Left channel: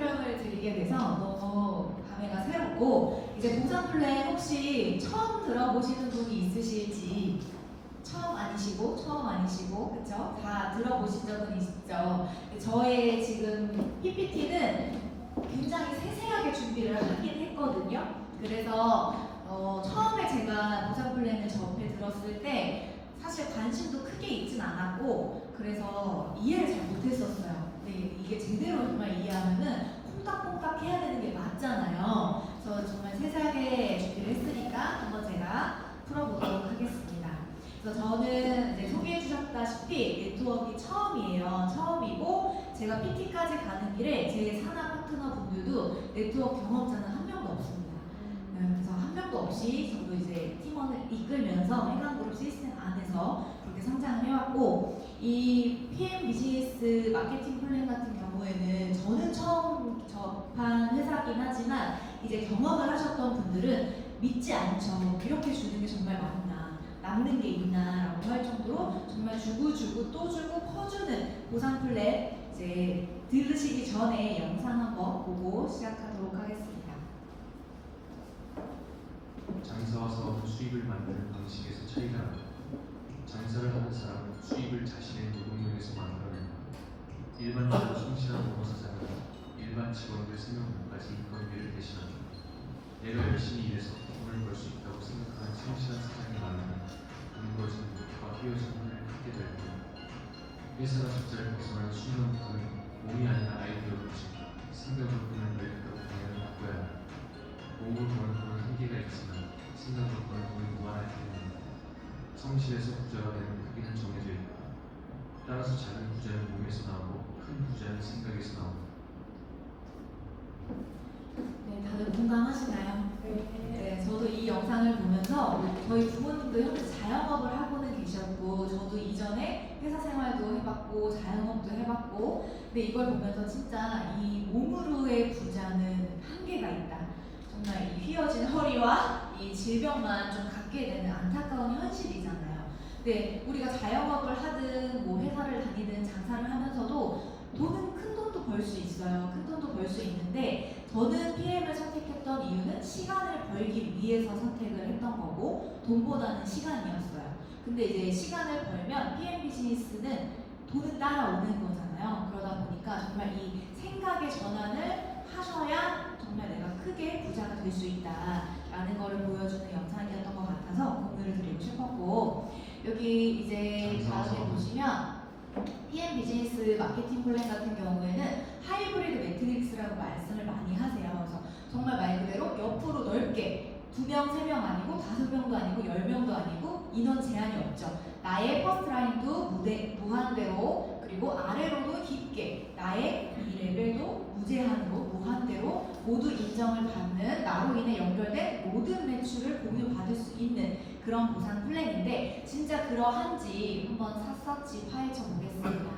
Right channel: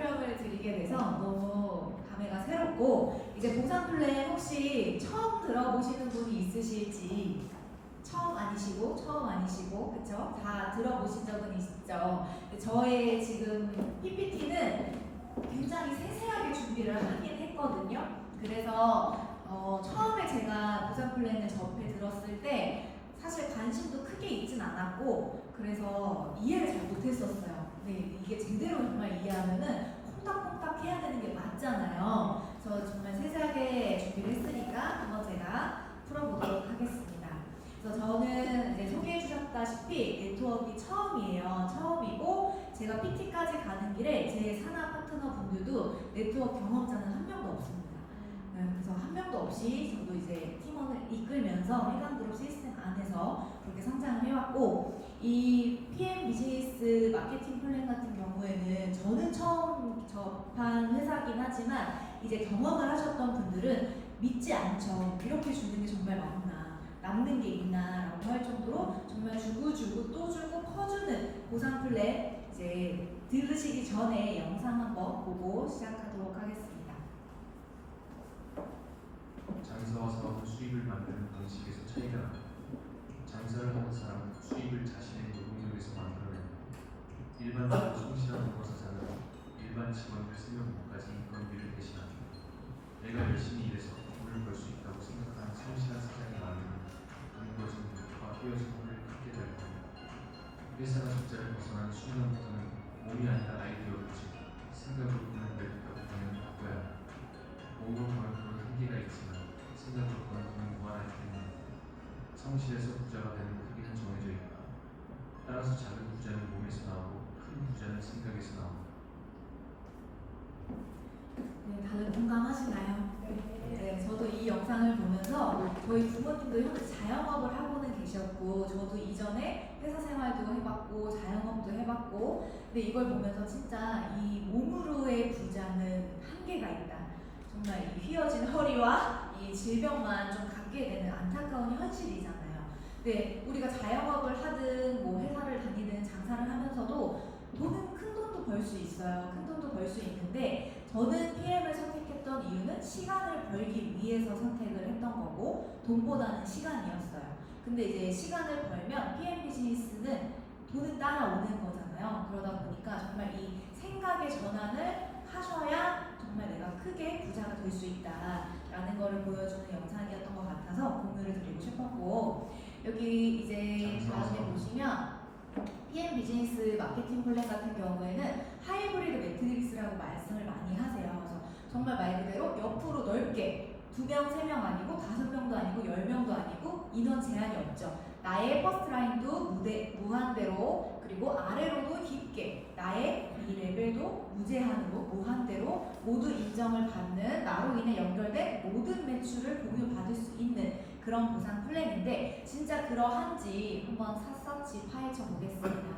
설명을 드리게 돼서 너무 감회가 새롭고, 이제 보상 플랜 혹시 처음 들어보시는 분이 있으실지, 처음 아니시고 그쵸? 다 들어보신 적은 있죠. 저의 지금 PPT는 굉장히 세세하게 준비를 하긴 했거든요. 그래서 처음에 제가 보상 플랜을 접해 들었을 때 사실 관심도 크게 있진 않았고, 그래서 이해를 잘 못했었어요. 근데 이게 제대로 정말 이해하면은 콩닥콩닥 해야 되는 게 맞잖아요. 그래서 정말 세세하게 준비를 했으니까 한번 제가 풀어보도록 하겠습니다. 그래서 저는 이제 소개해 주셨다시피 네트워크가 처음이고, 제가 PT까지 가는 길에 제 산하 파트너 분들도 네트워크 경험자는 한 명도 없습니다. 그래서 한 명도 없이 저도 이제 팀원을 이끌면서 해강그룹 시스템 안에서 그렇게 성장을 해왔고, 이 PM 비즈니스 마케팅 플랜 같은 경우에는 저는 처음 접한 회사긴 하지만 이제 경험을 하셨던 분들은 믿지 않죠. 이렇게 주는 게 정말 맞나, 남는 게 있나 라고 할 정도로 정말 주고 또 주고 퍼주는 보상 플랜, 이제 들으시기 전에 영상 한번 보고 시작하도록 하겠습니다. 장사와 사업은 수입을 만드는 방식에서 차이가 납니다. 장사를 하는 사람은 수입을 자신의 노동력에서 만들어낸다. 일반적으로 성실한 노사장은 일반 직원들 3명까지 인건비를 대신합니다. 내가 열심히 일해서 돈을 벌 수 있다고 생각하는 성실한 사장이 많으면 근거진 목표와 헤어진 혼을 크게 될 겁니다. 회사가 숫자를 벗어난 수익은 몸이 아니라 아이디어로 것입니다. 생각으로 돈을 벌겠다고 방향을 바꿔야 합니다. 몸으로 버는 돈은 한계가 있지만 생각으로 버는 돈이 무한하기 때문입니다. 성실해서 부자가 되는 크기는 정해져 있다. 따라서 작은 부자는 몸에서 나오고 큰 부자는 생각에서 나옵니다. 네, 다들 공감하시나요? 네, 저도 이 영상을 보면서 저희 부모님도 현재 자영업을 하고는 계셨고, 저도 이전에 회사 생활도 해봤고 자영업도 해봤고, 근데 이걸 보면서 진짜 이 몸으로의 부자는 한계가 있다. 정말 이 휘어진 허리와 이 질병만 좀 갖게 되는 안타까운 현실이잖아요. 근데 우리가 자영업을 하든 뭐 회사를 다니든 장사를 하면서도 큰 돈도 벌 수 있어요. 큰 돈도 벌 수 있는데, 저는 PM을 선택했던 이유는 시간을 벌기 위해서 선택을 했던 거고, 돈보다는 시간이었어요. 근데 이제 시간을 벌면 PM 비즈니스는 돈은 따라오는 거잖아요. 그러다 보니까 정말 이 생각의 전환을 하셔야 정말 내가 크게 부자가 될 수 있다라는 거를 보여주는 영상이었던 것 같아서 공유를 드리고 싶었고, 여기 이제 다음에 보시면 PM 비즈니스 마케팅 플랜 같은 경우에는 하이브리드 매트릭스라고 말씀을 많이 하세요. 그래서 정말 말 그대로 옆으로 넓게 2명, 3명 아니고 5명도 아니고 10명도 아니고 인원 제한이 없죠. 나의 퍼스트라인도 무한대로, 그리고 아래로도 깊게 나의 이 레벨도 무제한으로 무한대로 모두 인정을 받는, 나로 인해 연결된 모든 매출을 공유받을 수 있는 그런 보상 플랜인데, 진짜 그러한지 한번 샅샅이 파헤쳐 보겠습니다.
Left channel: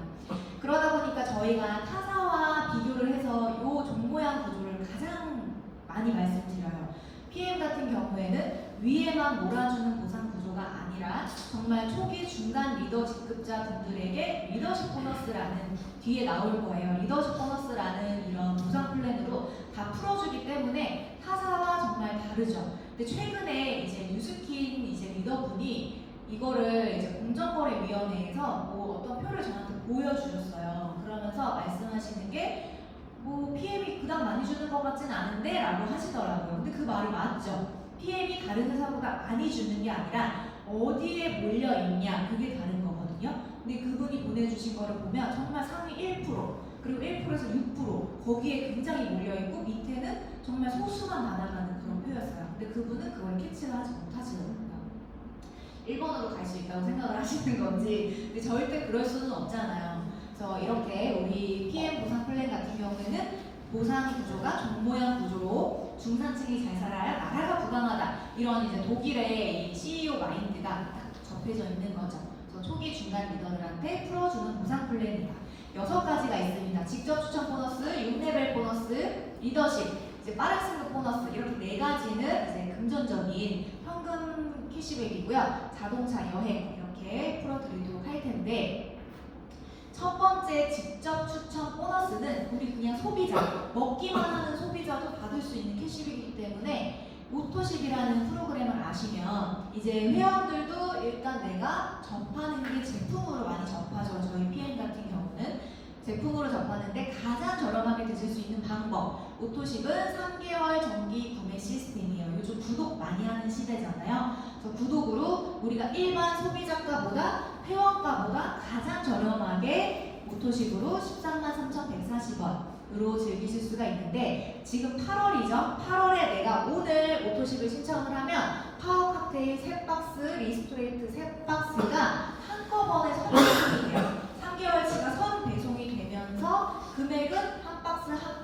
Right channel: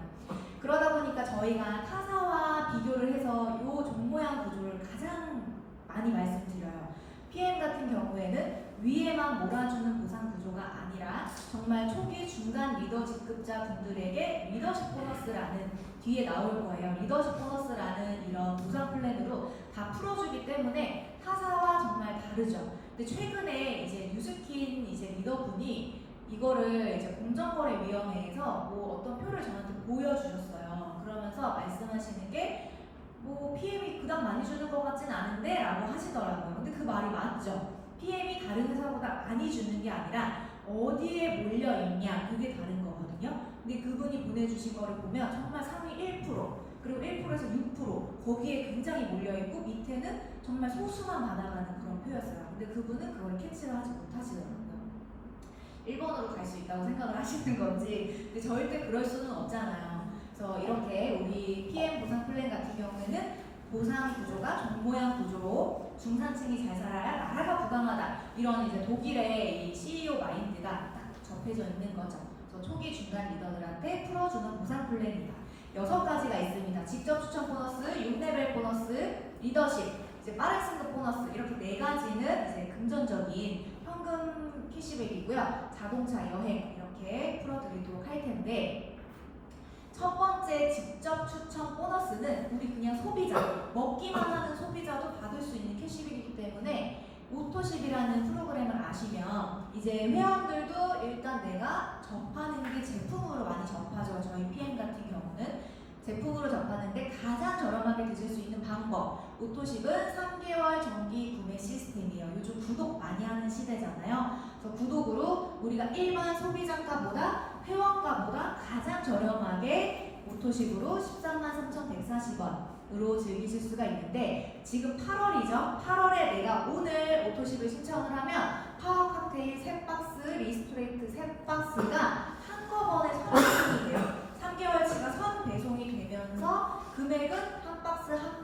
그러다 보니까 저희가 타사와 비교를 해서 이 종모양 구조를 가장 많이 말씀드려요. PM 같은 경우에는 위에만 몰아주는 보상 구조가 아니라 정말 초기 중간 리더 직급자 분들에게 리더십 보너스라는, 뒤에 나올 거예요. 리더십 보너스라는 이런 보상 플랜으로 다 풀어주기 때문에 타사와 정말 다르죠. 근데 최근에 이제 뉴스킨 이제 리더분이 이거를 이제 공정거래위원회에서 뭐 어떤 표를 저한테 보여주셨어요. 그러면서 말씀하시는 게 뭐 PM이 그닥 많이 주는 것 같진 않은데 라고 하시더라고요. 근데 그 말이 맞죠. PM이 다른 회사보다 많이 주는 게 아니라 어디에 몰려있냐, 그게 다른 거거든요. 근데 그분이 보내주신 거를 보면 정말 상위 1%, 그리고 1%에서 6% 거기에 굉장히 몰려있고, 밑에는 정말 소수만 받아가는 그런 표였어요. 근데 그분은 그걸 캐치를 하지 못하시더라고요. 1번으로 갈 수 있다고 생각을 하시는 건지. 근데 절대 그럴 수는 없잖아요. 그래서 이렇게 우리 PM 보상 플랜 같은 경우에는 보상 구조가 종모양 구조로 중산층이 잘 살아야 나라가 부강하다, 이런 이제 독일의 이 CEO 마인드가 딱 접해져 있는 거죠. 그래서 초기 중간 리더들한테 풀어주는 보상 플랜이다. 6가지가 있습니다. 직접 추천 보너스, 6레벨 보너스, 리더십, 이제 빠른 승급 보너스, 이렇게 4가지는 이제 금전적인 현금 캐시백이고요. 자동차, 여행 이렇게 풀어드리도록 할 텐데, 첫 번째 직접 추천 보너스는 우리 그냥 소비자, 먹기만 하는 소비자도 받을 수 있는 캐시백이기 때문에 오토십이라는 프로그램을 아시면 이제 회원들도 일단 내가 접하는 게 제품으로 많이 접하죠. 저희 PM 같은 경우는 제품으로 접하는데 가장 저렴하게 드실 수 있는 방법, 오토십은 3개월 정기 구매 시스템이에요. 요즘 구독 많이 하는 시대잖아요. 그래서 구독으로 우리가 일반 소비자가보다 회원가보다 가장 저렴하게 오토십으로 133,140원으로 즐기실 수가 있는데 지금 8월이죠. 8월에 내가 오늘 오토십을 신청을 하면 파워 칵테일 3박스, 리스토레이트 3박스가 한꺼번에 선배송이 돼요. 3개월치가 선 배송이 되면서 금액은 한 박스 한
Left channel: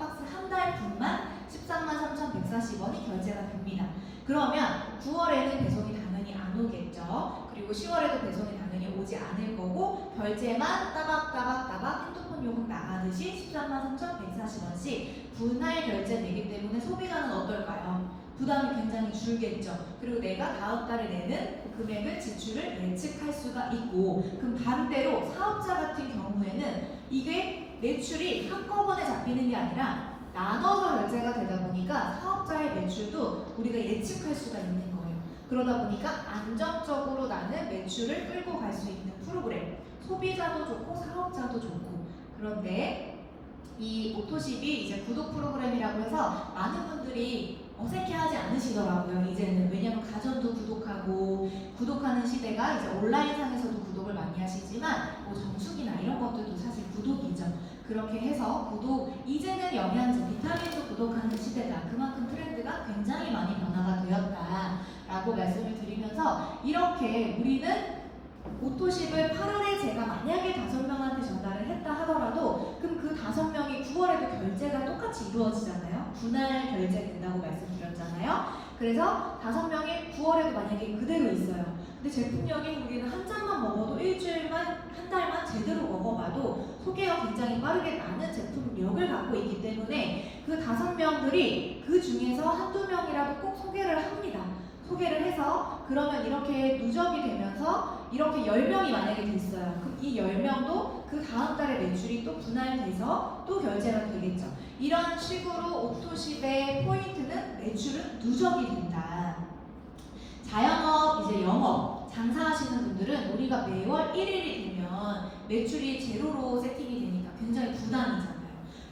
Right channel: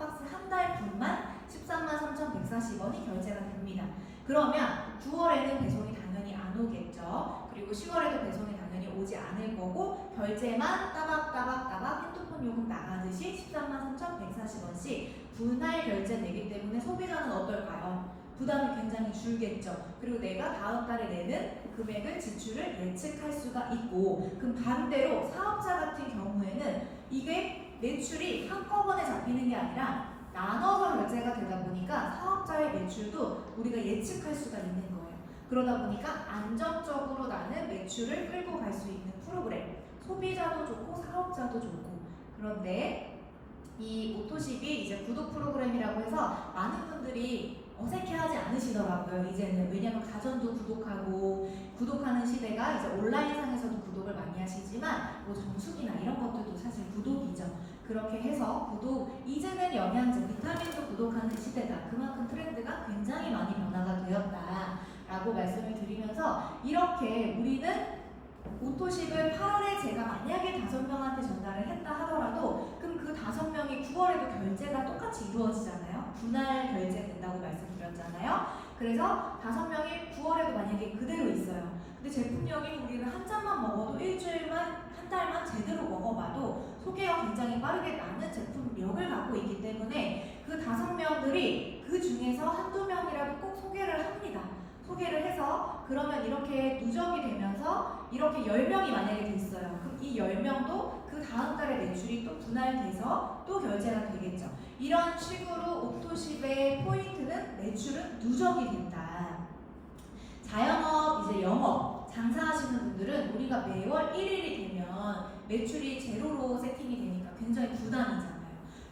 달 분만 133,140원이 결제가 됩니다. 그러면 9월에는 배송이 당연히 안 오겠죠. 그리고 10월에도 배송이 당연히 오지 않을 거고 결제만 따박따박 핸드폰 요금 나가듯이 133,140원씩 분할 결제되기 때문에 소비자는 어떨까요? 부담이 굉장히 줄겠죠. 그리고 내가 다음 달에 내는 금액을 지출을 예측할 수가 있고 그럼 반대로 사업자 같은 경우에는 이게 매출이 한꺼번에 잡히는 게 아니라 나눠서 결제가 되다 보니까 사업자의 매출도 우리가 예측할 수가 있는 거예요. 그러다 보니까 안정적으로 나는 매출을 끌고 갈 수 있는 프로그램. 소비자도 좋고 사업자도 좋고. 그런데 이 오토십이 이제 구독 프로그램이라고 해서 많은 분들이 어색해하지 않으시더라고요. 이제는 왜냐하면 가전도 구독하고 구독하는 시대가 이제 온라인상에서도 구독을 많이 하시지만 뭐 정수기나 이런 것들도 사실 구독이죠. 그렇게 해서 구독 이제는 영양제, 비타민도 구독하는 시대다. 그만큼 트렌드가 굉장히 많이 변화가 되었다라고 말씀을 드리면서 이렇게 우리는 오토십을 8월에 제가 만약에 5명한테 전달을 했다 하더라도 그럼 그 5명이 9월에도 결제가 똑같이 이루어지잖아요. 분할 결제된다고 말씀드렸잖아요. 그래서 5명이 9월에도 만약에 그대로 있어요. 근데 제품력이 우리는 한 잔만 먹어도 일주일만, 한 달만 제대로 먹어봐도 소개가 굉장히 빠르게 나는 제품력을 갖고 있기 때문에 그 5명들이 그 중에서 한두 명이라도 꼭 소개를 합니다. 소개를 해서 그러면 이렇게 누적이 되면서 이렇게 10명이 만약에 됐어요. 그럼 이 10명도 그 다음 달에 매출이 또 분할돼서 또 결제가 되겠죠. 이런 식으로 오토십의 포인트는 매출은 누적이 된다. 자영업, 이제 영업, 장사하시는 분들은 우리가 매월 1일이 되면 매출이 제로로 세팅이 되니까 굉장히 부담이잖아요.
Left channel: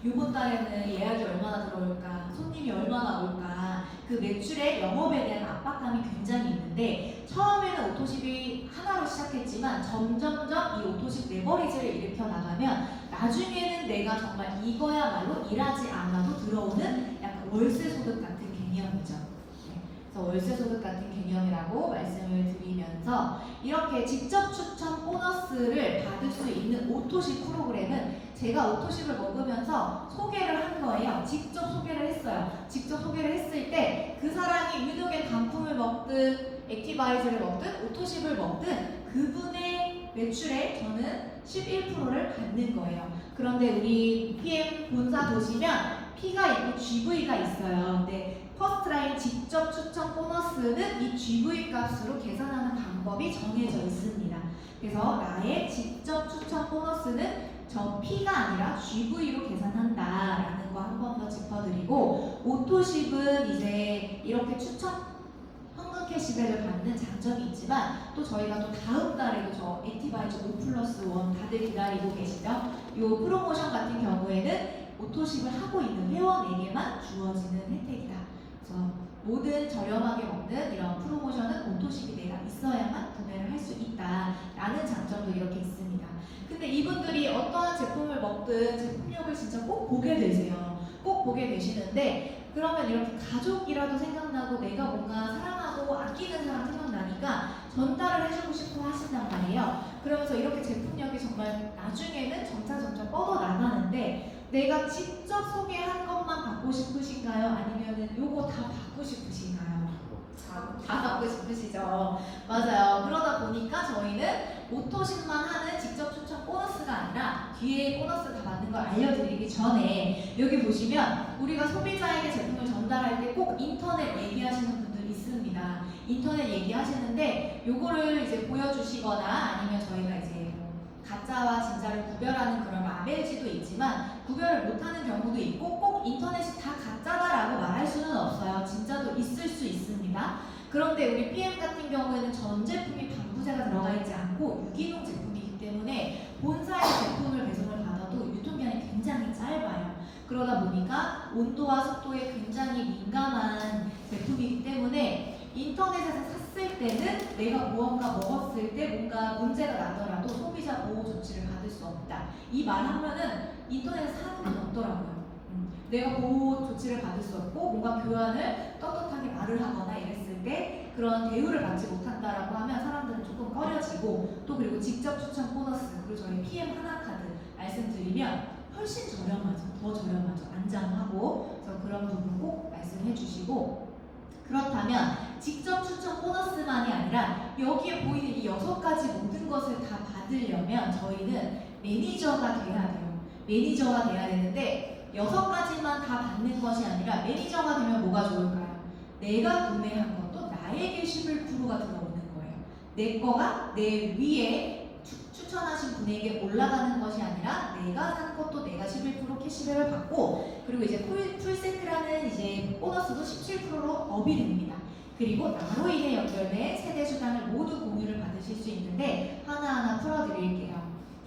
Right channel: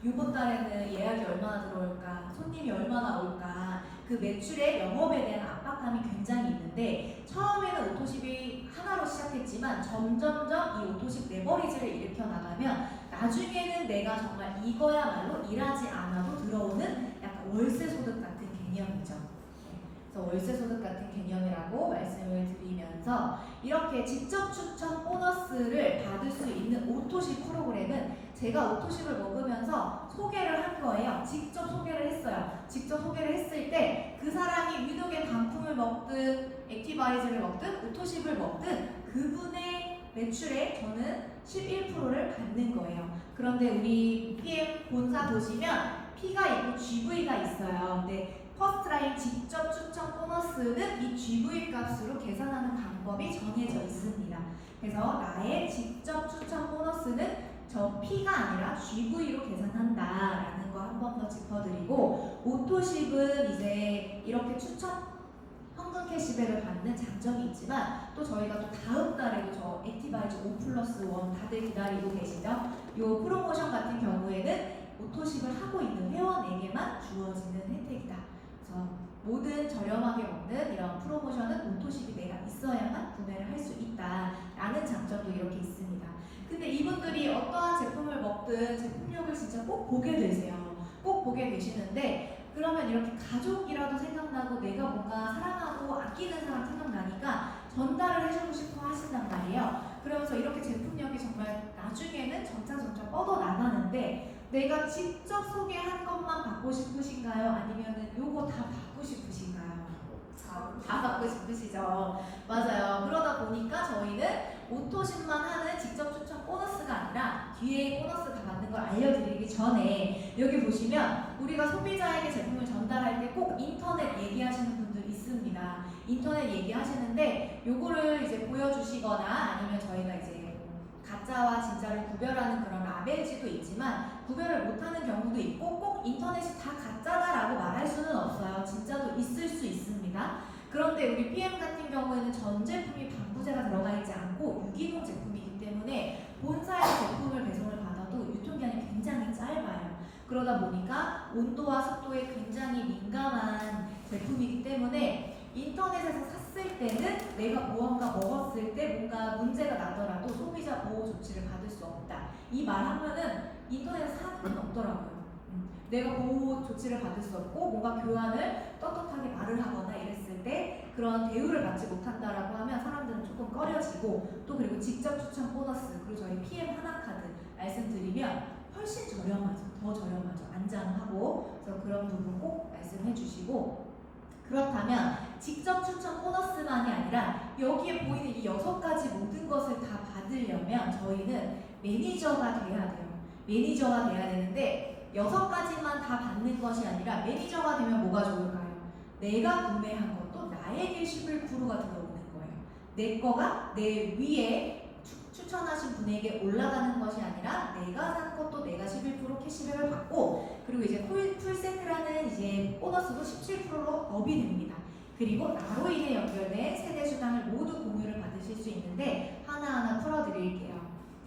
이번 달에는 예약이 얼마나 들어올까, 손님이 얼마나 올까, 그 매출의 영업에 대한 압박감이 굉장히 있는데 처음에는 오토십이 하나로 시작했지만 점점점 이 오토십 레버리지를 일으켜 나가면 나중에는 내가 정말 이거야말로 일하지 않아도 들어오는 약간 월세 소득 같은 개념이죠. 그래서 월세 소득 같은 개념이라고 말씀을 드리면서 이렇게 직접 추천 보너스를 받을 수 있는 오토십 프로그램은 제가 오토십을 먹으면서 소개를 한 거예요. 직접 소개를 했어요. 직접 소개를 했을 때 그 사람이 위드겐 단품을 먹든 액티바이즈를 먹든 오토십을 먹든 그분의 매출에 저는 11%를 받는 거예요. 그런데 우리 PM 본사 보시면 P가 있고 GV가 있어요. 근데 퍼스트라인 직접 추천 보너스는 이 GV 값으로 계산하는 방법이 정해져 있습니다. 그래서 나의 직접 추천 보너스는 저 P가 아니라 GV로 계산한다라는 거 한 번 더 짚어드리고 오토십은 이제 이렇게 추천 현금 캐시백을 받는 장점이 있지만 또 저희가 또 다음 달에도 저 액티바이즈 5+1 다들 기다리고 계시죠? 이 프로모션 같은 경우에는 오토십을 하고 있는 회원에게만 주어지는 혜택이다. 그래서 모든 저렴하게 먹는 이런 프로모션은 오토십이 내가 있어야만 구매를 할 수 있다라는 장점도 이렇게 있습니다. 근데 이분들이 어떠한 제품을 먹든 제품력을 진짜 꼭 보게 되세요. 꼭 보게 되시는데 그러면 이렇게 가족이라도 생각나고 내가 뭔가 사랑하고 아끼는 사람 생각나니까 전달을 해주고 싶어 하신단 말이에요. 그러면서 이렇게 제품력이 정말 나중에는 점차 뻗어나가는데 내가 직접 소개한 것만 받고 싶으신가요? 아니면은 요거 다 받고 싶으신가요? 다 받고 싶으시죠? 맞아요. 그러다 보니까 저희는 오토십만 하는 직접 추천 보너스가 아니라 뒤에 보너스 다 받는 걸 알려드리기 전에 여기 보시면 우리가 소비자에게 제품을 전달할 때 꼭 인터넷 얘기하시는 분들 있습니다. 인터넷 얘기하시는데 요거를 이제 보여주시거나 아니면 저희가 이제 가짜와 진짜를 구별하는 그런 라벨지도 있지만 구별을 못하는 경우도 있고 꼭 인터넷이 다 가짜다라고 말할 수는 없어요. 진짜도 있을 수 있습니다. 그런데 우리 PM 같은 경우에는 전 제품이 방부제가 들어가 있지 않고 유기농 제품이기 때문에 본사의 제품을 배송을 받아도 유통기한이 굉장히 짧아요. 그러다 보니까 온도와 습도에 굉장히 민감한 제품이기 때문에 인터넷에서 샀을 때는 내가 무언가 먹었을 때 뭔가 문제가 나더라도 소비자 보호 조치를 받을 수 없다. 이 말 하면은 인터넷에서 사는 건 없더라고요. 내가 보호 조치를 받을 수 없고 뭔가 교환을 떳떳하게 말을 하거나 이랬을 때 그런 대우를 받지 못한다라고 하면 사람들은 조금 꺼려지고 또 그리고 직접 추천 보너스 그리고 저희 PM 하나카드 말씀드리면 훨씬 저렴하죠. 더 저렴하죠. 안장하고 그래서 그런 부분 꼭 말씀해 주시고 그렇다면 직접 추천 보너스만이 아니라 여기에 보이는 이 6가지 모든 것을 다 받으려면 저희는 매니저가 돼야 돼요. 매니저가 돼야 되는데 6가지만 다 받는 것이 아니라 매니저가 되면 뭐가 좋을까요? 내가 구매한 것도 나에게 11%가 들어오는 거예요. 내 거가 내 위에 추천하신 분에게 올라가는 것이 아니라 내가 산 것도 내가 11% 캐시백을 받고 그리고 이제 풀세트라는 이제 보너스도 17%로 업이 됩니다. 그리고 나로 인해 연결된 세대 수당을 모두 공유를 받으실 수 있는데 하나하나 풀어드릴게요.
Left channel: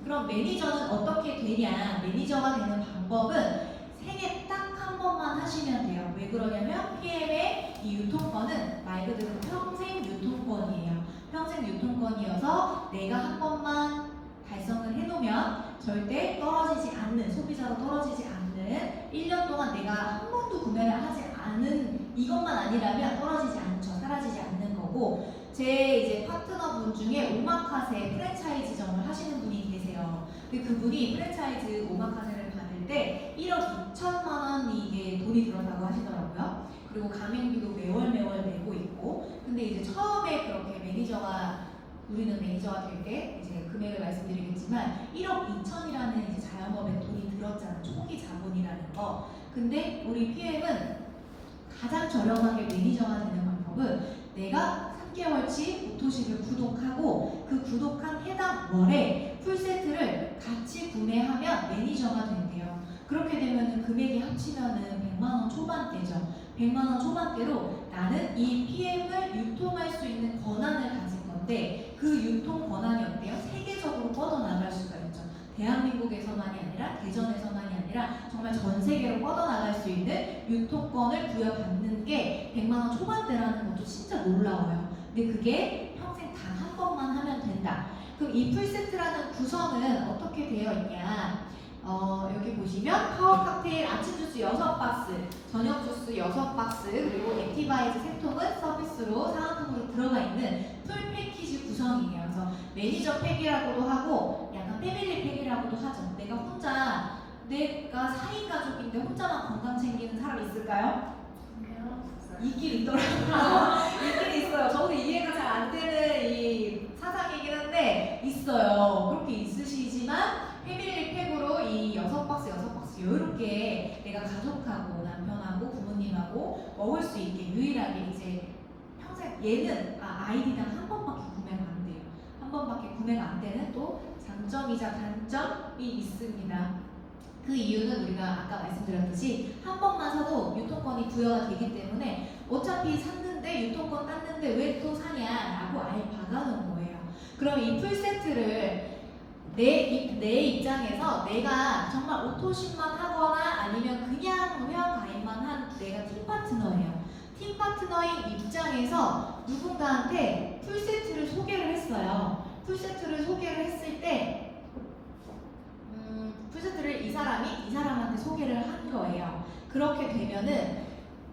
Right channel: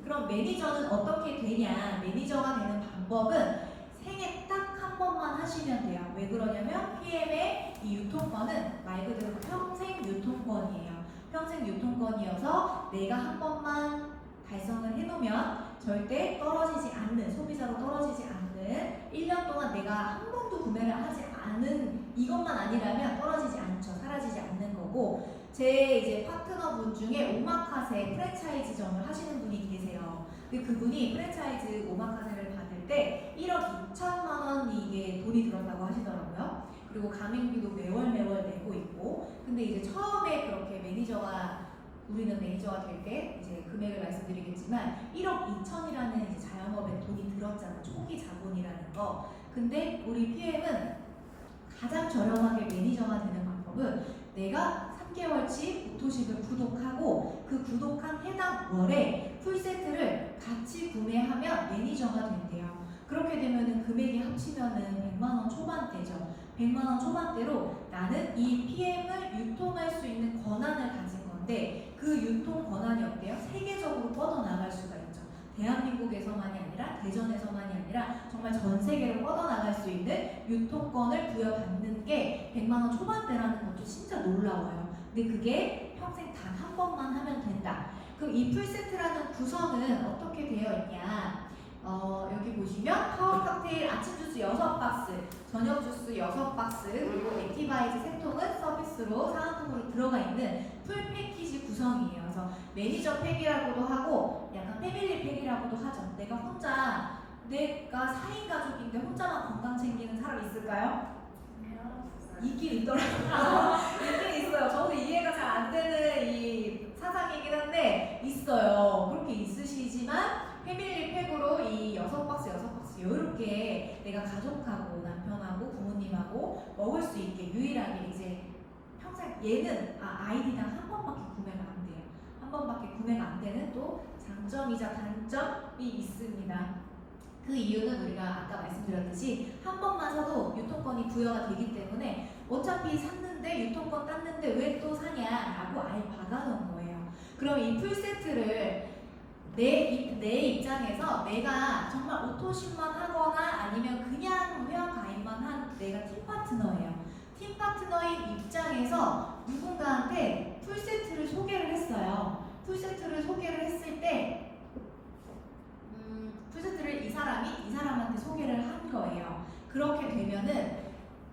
그럼 매니저는 어떻게 되냐? 매니저가 되는 방법은 생애 딱 한 번만 하시면 돼요. 왜 그러냐면 PM의 이 유통권은 말 그대로 평생 유통권이에요. 평생 유통권이어서 내가 한 번만 달성을 해놓으면 절대 떨어지지 않는, 소비자로 떨어지지 않는 1년 동안 내가 한 번도 구매를 하지 않은 이것만 아니라면 떨어지지 않죠. 사라지지 않는 거고 제 이제 파트너분 중에 오마카세 프랜차이즈점을 하시는 분이 계세요. 근데 그분이 프랜차이즈 오마카세를 받을 때 1억 2천만 원 이게 돈이 들었다고 하시더라고요. 그리고 가맹비도 매월 내고 있고 근데 이제 처음에 그렇게 우리는 매니저가 될 때 이제 금액을 말씀드리겠지만 1억 2천이라는 이제 자영업에 돈이 들었잖아요. 초기 자본이라는 거. 근데 우리 PM은 가장 저렴하게 매니저가 되는 방법은 내가 3개월치 오토십을 구독하고 그 구독한 해당 월에 풀세트를 같이 구매하면 매니저가 된대요. 그렇게 되면 금액이 합치면은 100만 원 초반대죠. 100만 원 초반대로 나는 이 PM을 유통할 수 있는 권한을 가진 건데 그 유통 권한이 어때요? 세계적으로 뻗어나갈 수가 있죠. 대한민국에서만이 아니라 대전에서만이 아니라 정말 전 세계로 뻗어나갈 수 있는 유통권을 부여받는 게 100만 원 초반대라는 것도 진짜 놀라워요. 근데 그게 평생 단 한 번만 하면 된다. 그럼 이 풀세트라는 구성은 어떻게 되어 있냐? 여기 보시면 파워 칵테일 아침 주스 6박스, 저녁 주스 6박스, 그리고 액티바이즈 3통은 서비스로 사은품으로 들어가 있는 풀 패키지 구성이에요. 그래서 매니저 팩이라고도 하고 약간 패밀리 팩이라고도 하죠. 내가 4인 가족인데 혼자만 건강 챙기는 사람 있을까요? 있긴 있더라고요. 있긴 있어요. 저도 이해가 잘 안 되는 이 사상이긴 한데 있어요. 그렇게 있으시지만 패밀리 팩으로 이 6박스 이렇게 내가 가족하고 남편하고 부모님하고 먹을 수 있게 유일하게 이제 평생 얘는 아이디당 한 번밖에 구매가 안 돼요. 한 번밖에 구매가 안 되는 또 장점이자 단점이 있습니다. 그 이유는 우리가 아까 말씀드렸듯이 한 번만 사도 유통권이 부여가 되기 때문에 어차피 샀는데 유통권 땄는데 왜 또 사냐라고 아예 박아놓은 거예요. 그럼 이 풀세트를 내 입장에서 내가 정말 오토십만 하거나 아니면 그냥 회원 가입만 한 내가 팀 파트너예요. 팀 파트너인 입장에서 누군가한테 풀세트를 소개를 했어요. 풀세트를 소개를 했을 때 풀세트를 이 사람한테 소개를 한 거예요. 그렇게 되면은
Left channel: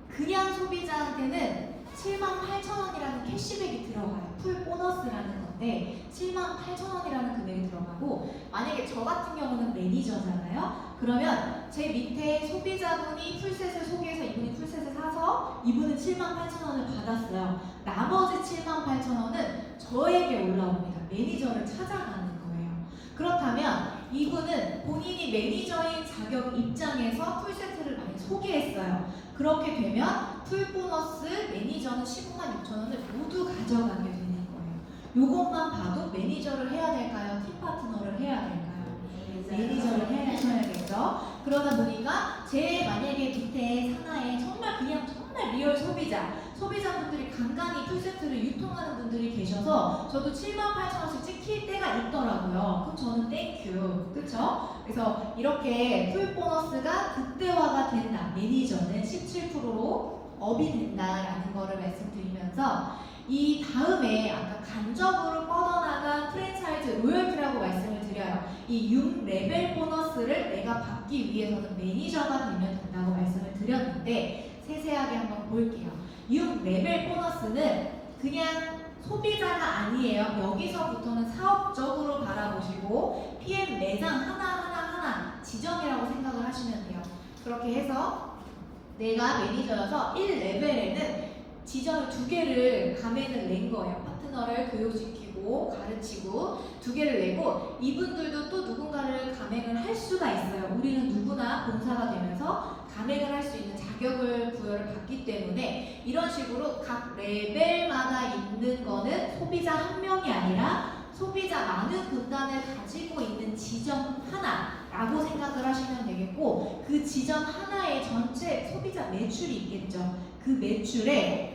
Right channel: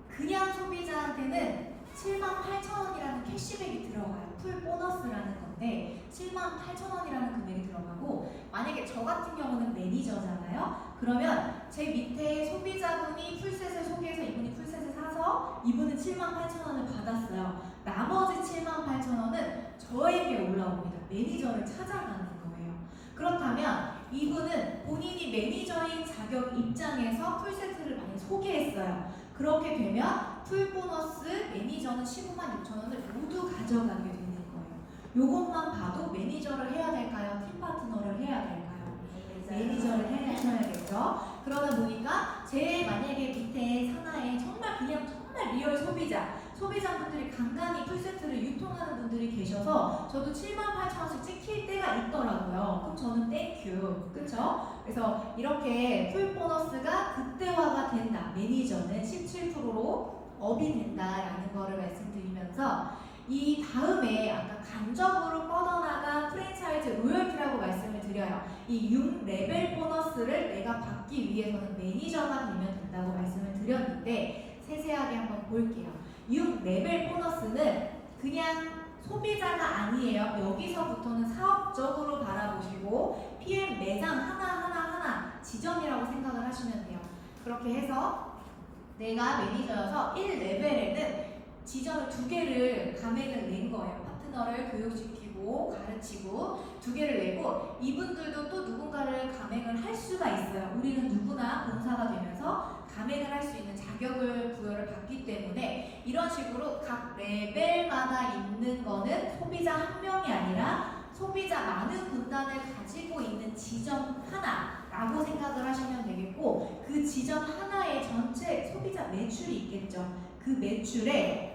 그냥 소비자한테는 78,000원이라는 캐시백이 들어가요. 풀 보너스라는 건데 78,000원이라는 금액이 들어가고 만약에 저 같은 경우는 매니저잖아요. 그러면 제 밑에 소비자분이 풀셋을 소개해서 이분이 풀셋을 사서 이분은 78,000원을 받았어요. 나머지 78,000원은 저에게 올라옵니다. 매니저를 찾아가는 거예요. 그렇다면 이분은 본인이 매니저인 자격 입장에서 풀세트를 많이 소개했어요. 그렇게 되면 풀 보너스 매니저는 156,000원을 모두 가져가게 되는 거예요. 요것만 봐도 매니저를 해야 될까요? 팀 파트너를 해야 될까요? 매니저를 해야겠죠. 그러다 보니까 제 만약에 밑에 산하에 정말 리얼 소비자분들이 간간히 풀세트를 유통하는 분들이 계셔서 저도 78,000원씩 찍힐 때가 있더라고요. 그럼 저는 땡큐, 그쵸? 그래서 이렇게 풀 보너스가 극대화가 된다. 매니저는 17%로 업이 된다라는 거를 말씀드리면서 이 다음에 아까 간접으로 뻗어나간 프랜차이즈 로열티라고 말씀을 드려요. 이 6레벨 보너스를 내가 받기 위해서는 매니저가 되면 된다고 말씀을 드렸는데 세세하게 한번 볼게요. 6레벨 보너스는 그냥 소비자가 아니에요. 여기서부터는 사업적으로 바라보시고 PM 매장 하나 지점이라고 생각을 하시면 돼요. 그렇게 해서 내가 매니저여서 1레벨에는 지점을 2개를 가맹을 낸 거예요. 파트너를 교육시키고 가르치고 2개를 내고 이분들도 또 누군가를 가맹을 할 수가 있어요. 우리는 누구나 본사가 되면서 가맹을 할 수 있는 자격을 부여를 받기 때문에 이런 식으로 각 레벨마다 있는 거는 소비자 한 명이 아니라 소비자 많은 군단을 가지고 있는 지점 하나라고 생각을 하시면 되겠고 그 지점 하나의 전체 소비자 매출이 있겠죠. 그 매출에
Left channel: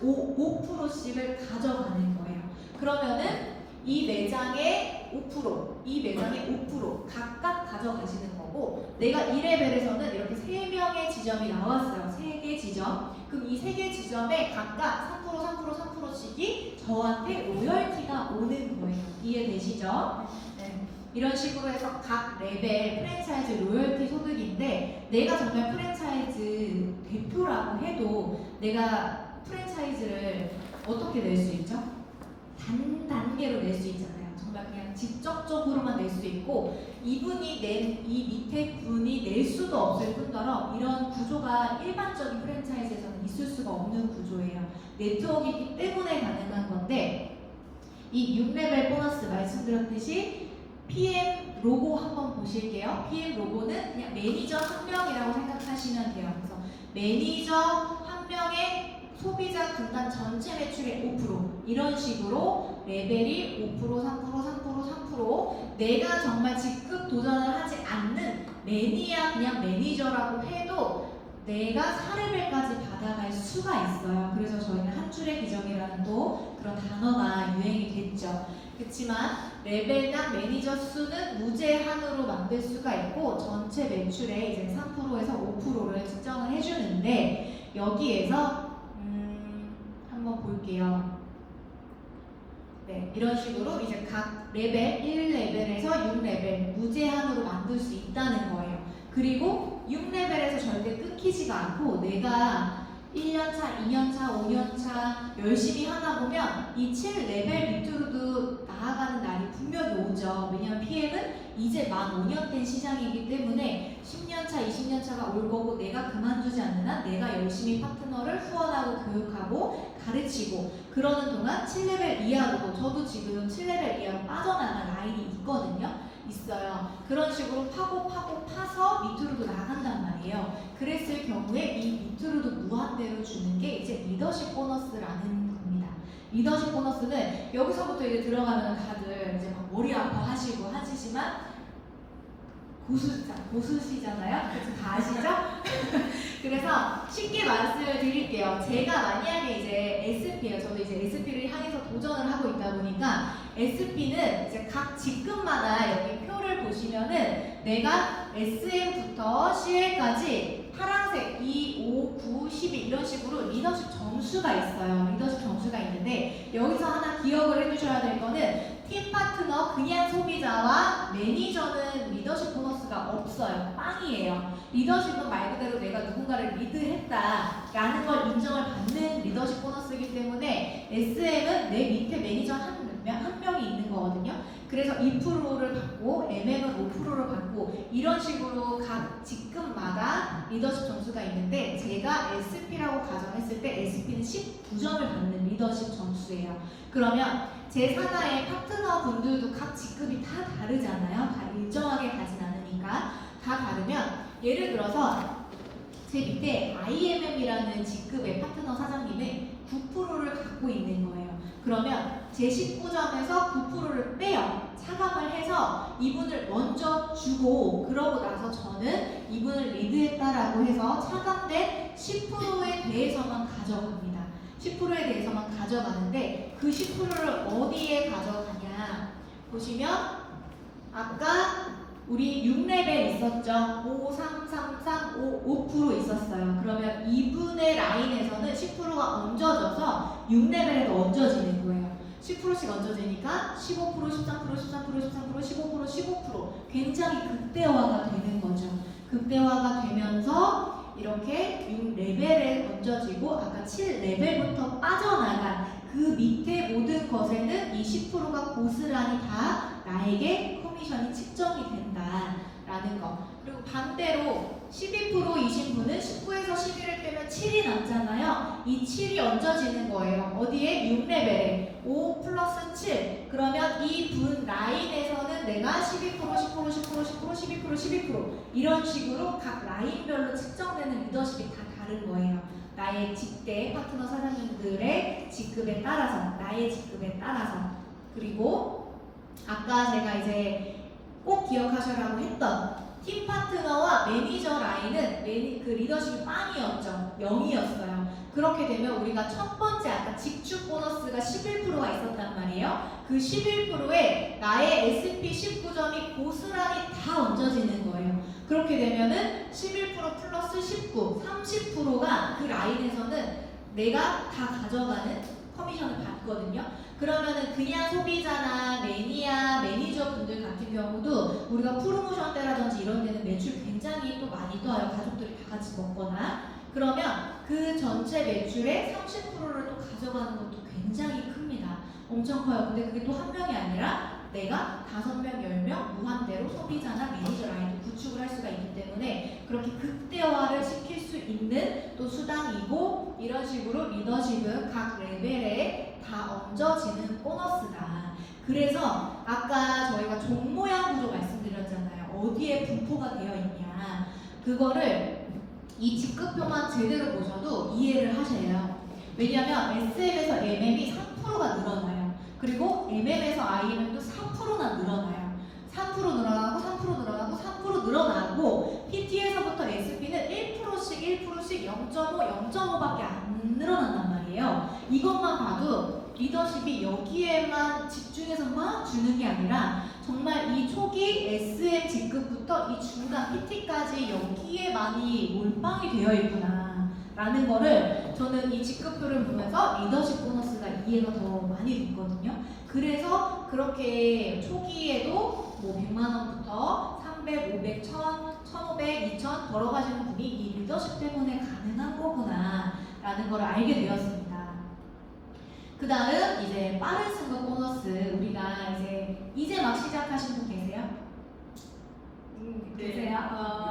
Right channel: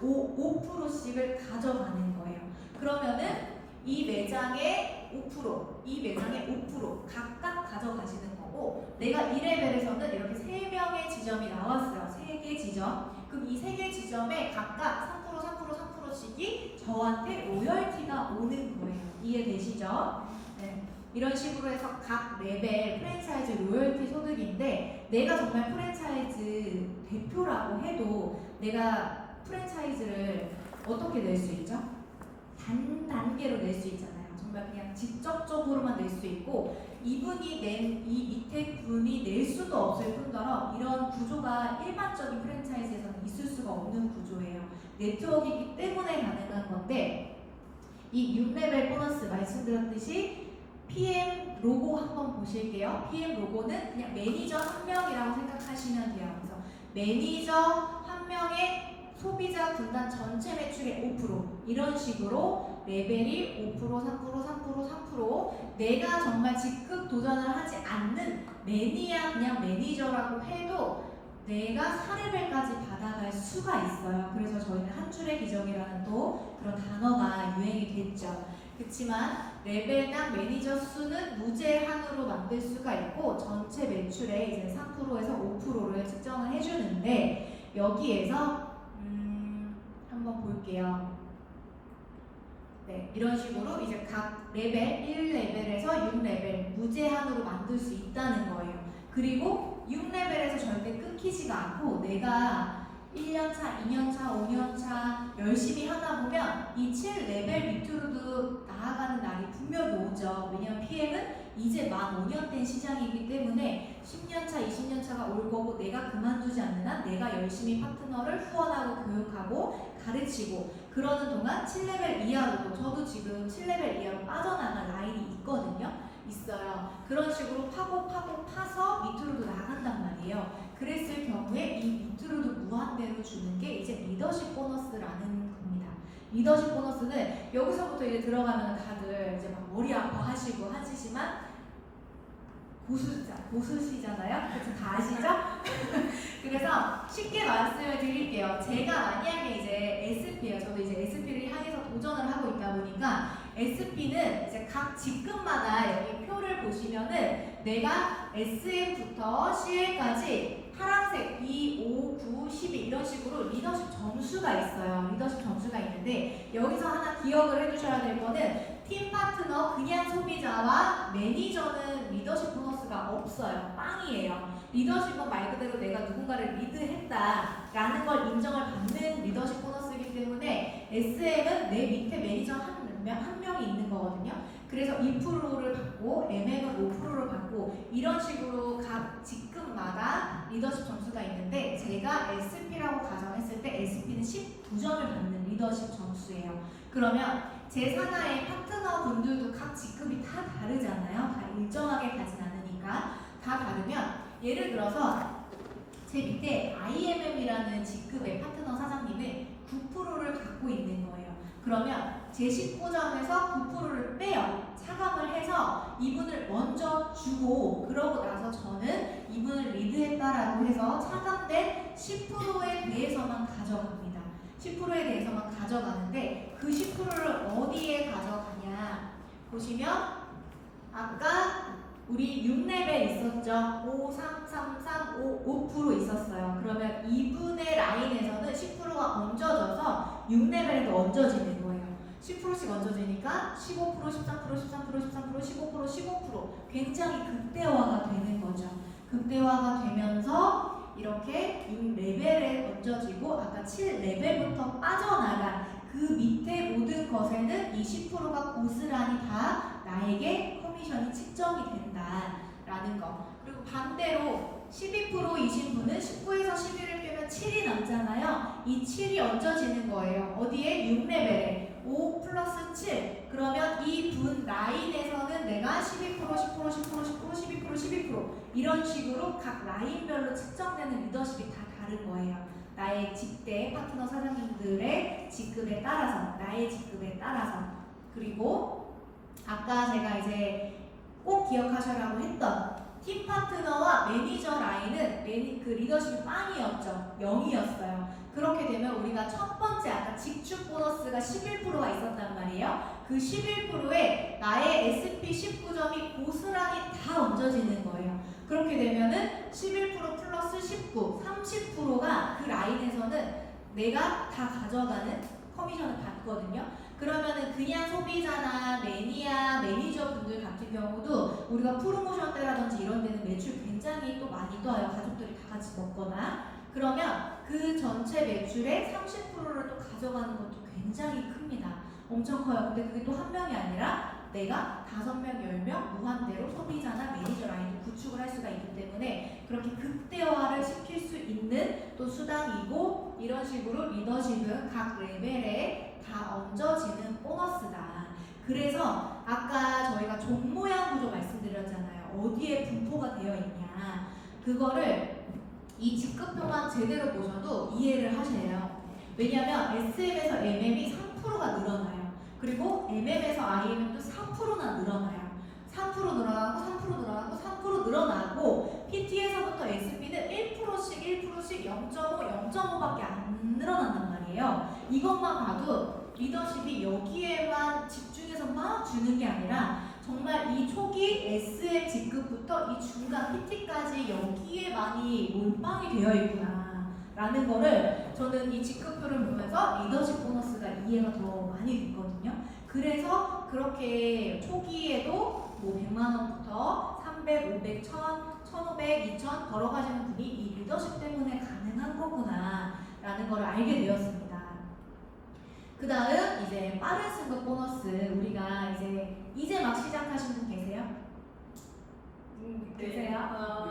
5%씩을 가져가는 거예요. 그러면은 이 매장의 5% 각각 가져가시는 거고 내가 2레벨에서는 이렇게 3명의 지점이 나왔어요. 3개 지점. 그럼 이 3개 지점에 각각 3%씩이 저한테 로열티가 오는 거예요. 이해되시죠? 네. 이런 식으로 해서 각 레벨 프랜차이즈 로열티 소득인데 내가 정말 프랜차이즈 대표라고 해도 내가 프랜차이즈를 어떻게 낼 수 있죠? 단계로 낼 수 있잖아요. 정말 그냥 직접적으로만 낼 수 있고 이분이 낸 이 밑에 분이 낼 수도 없을 뿐더러 이런 구조가 일반적인 프랜차이즈에서는 있을 수가 없는 구조예요. 네트워크이기 때문에 가능한 건데 이 6레벨 보너스 말씀드렸듯이 PM 로고 한번 보실게요. PM 로고는 그냥 매니저 한 명이라고 생각하시면 돼요. 그래서 매니저 한 명의 소비자 군단 전체 매출의 5% 이런 식으로 레벨이 5%, 3% 내가 정말 직급 도전을 하지 않는 매니아 그냥 매니저라고 해도 내가 4레벨까지 받아갈 수가 있어요. 그래서 저희는 한 줄의 기적이라는 또 그런 단어가 유행이 됐죠. 그렇지만 레벨당 매니저 수는 무제한으로 만들 수가 있고 전체 매출의 이제 3%에서 5%를 측정을 해주는데 여기에서 한번 볼게요. 네, 이런 식으로 이제 각 레벨 1레벨에서 6레벨 무제한으로 만들 수 있다는 거예요. 그리고 6레벨에서 절대 끊기지가 않고 내가 1년차, 2년차, 5년차 열심히 하다 보면 이 7레벨 밑으로도 나아가는 날이 분명히 오죠. 왜냐면 PM은 이제 만 5년 된 시장이기 때문에 10년차, 20년차가 올 거고 내가 그만두지 않는 한 내가 열심히 파트너를 후원하고 교육하고 가르치고 그러는 동안 7레벨 이하로도 저도 지금 7레벨 이하로 빠져나간 라인이 있어요. 그런 식으로 파서 밑으로도 나간단 말이에요. 그랬을 경우에 이 밑으로도 무한대로 주는 게 이제 리더십 보너스라는 겁니다. 리더십 보너스는 여기서부터 이제 들어가면 다들 이제 막 머리 아파하시고 하시지만 고수시잖아요. 그래서 다 아시죠? 그래서 쉽게 말씀을 드릴게요. 제가 만약에 이제 SP예요. 저도 이제 SP를 향해서 도전을 하고 있다 보니까 SP는 이제 각 직급마다 여기 표를 보시면은 내가 SM부터 CL까지 파란색 2, 5, 9, 12 이런 식으로 리더십 점수가 있어요. 리더십 점수가 있는데 여기서 하나 기억을 해주셔야 될 거는 팀 파트너, 그냥 소비자와 매니저는 리더십 보너스가 없어요. 빵이에요. 리더십은 말 그대로 내가 누군가를 리드했다라는 걸 인정을 받는 리더십 보너스이기 때문에 SM은 내 밑에 매니저 한 명이 있는 거거든요. 그래서 2%를 받고 MM은 5%를 받고 이런 식으로 각 직급마다 리더십 점수가 있는데 제가 SP라고 가정했을 때 SP는 19점을 받는 리더십 점수예요. 그러면 제 산하의 파트너 분들도 각 직급이 다 다르잖아요. 다 일정하게 가진 않으니까 다 다르면 예를 들어서 제 밑에 IMM이라는 직급의 파트너 사장님은 9%를 갖고 있는 거예요. 그러면 제 19점에서 9%를 빼요. 차감을 해서 이분을 먼저 주고 그러고 나서 저는 이분을 리드했다라고 해서 차감된 10%에 대해서만 가져갑니다. 10%에 대해서만 가져가는데 그 10%를 어디에 가져가냐 보시면 아까 우리 6레벨 있었죠? 5, 3, 3, 3, 5% 있었어요. 그러면 이분의 라인에서는 10%가 얹어져서 6레벨에도 얹어지는 거예요. 10%씩 얹어지니까 15%, 13%, 13%, 13%, 15%, 15% 굉장히 극대화가 되는 거죠. 극대화가 되면서 이렇게 6레벨에 얹어지고 아까 7레벨부터 빠져나간 그 밑에 모든 것에는 이 10%가 고스란히 다 나에게 커미션이 측정이 된다라는 거. 그리고 반대로 12%이신 분은 19에서 11을 빼면 7이 남잖아요. 이 7이 얹어지는 거예요. 어디에? 6레벨에 5 플러스 7. 그러면 이 분 라인에서는 내가 12%, 10%, 10%, 10%, 12%, 12% 이런 식으로 각 라인별로 측정되는 리더십이 다 다른 거예요. 나의 직대 파트너 사장님들의 직급에 따라서, 나의 직급에 따라서. 그리고 아까 제가 이제 꼭 기억하셔라고 했던 팀 파트너와 매니저 라인은 그 리더십이 빵이었죠. 0이었어요. 그렇게 되면 우리가 첫 번째 아까 직축 보너스가 11%가 있었단 말이에요. 그 11%에 나의 SP 19점이 고스란히 다 얹어지는 거예요. 그렇게 되면은 11% 플러스 19, 30%가 그 라인에서는 내가 다 가져가는 커미션을 받거든요. 그러면은 그냥 소비자나 매니아, 매니저 분들 같은 경우도 우리가 프로모션 때라든지 이런 데는 매출 굉장히 또 많이 떠요. 가족들이 다 같이 먹거나. 그러면 그 전체 매출의 30%를 또 가져가는 것도 굉장히 큽니다. 엄청 커요. 근데 그게 또 한 명이 아니라 내가 5명, 10명 무한대로 소비자나 매니저 라인도 구축을 할 수가 있기 때문에 그렇게 극대화를 시킬 수 있는 또 수단이고 이런 식으로 리더십은 각 레벨에 다 얹어지는 보너스다. 그래서 아까 저희가 종 모양 구조 말씀드렸잖아요. 어디에 분포가 되어 있냐. 그거를 이 직급표만 제대로 보셔도 이해를 하셔요. 왜냐하면 SM에서 MM이 3%가 늘어나요. 그리고 MM에서 IM은 또 4%나 늘어나요. 3% 늘어나고 3% 늘어나고 3% 늘어나고 PT에서부터 SP는 1%씩 1%씩 0.5, 0.5밖에 안 늘어난단 말이에요. 이것만 봐도 리더십이 여기에만 집중해서 막 주는 게 아니라 정말 이 초기 SM 직급부터 이 중간 PT까지 여기에 많이 몰빵이 되어 있구나 라는 거를 저는 이 직급표를 보면서 리더십 보너스가 이해가 더 많이 됐거든요. 그래서 그렇게 초기에도 뭐 100만 원부터 300, 500, 1000, 1500, 2000 걸어가시는 분이 이 리더십 때문에 가능한 거구나 라는 걸 알게 되었습니다. 그 다음 이제 빠른 승급 보너스 우리가 이제 막 시작하신 분 계세요? 계세요?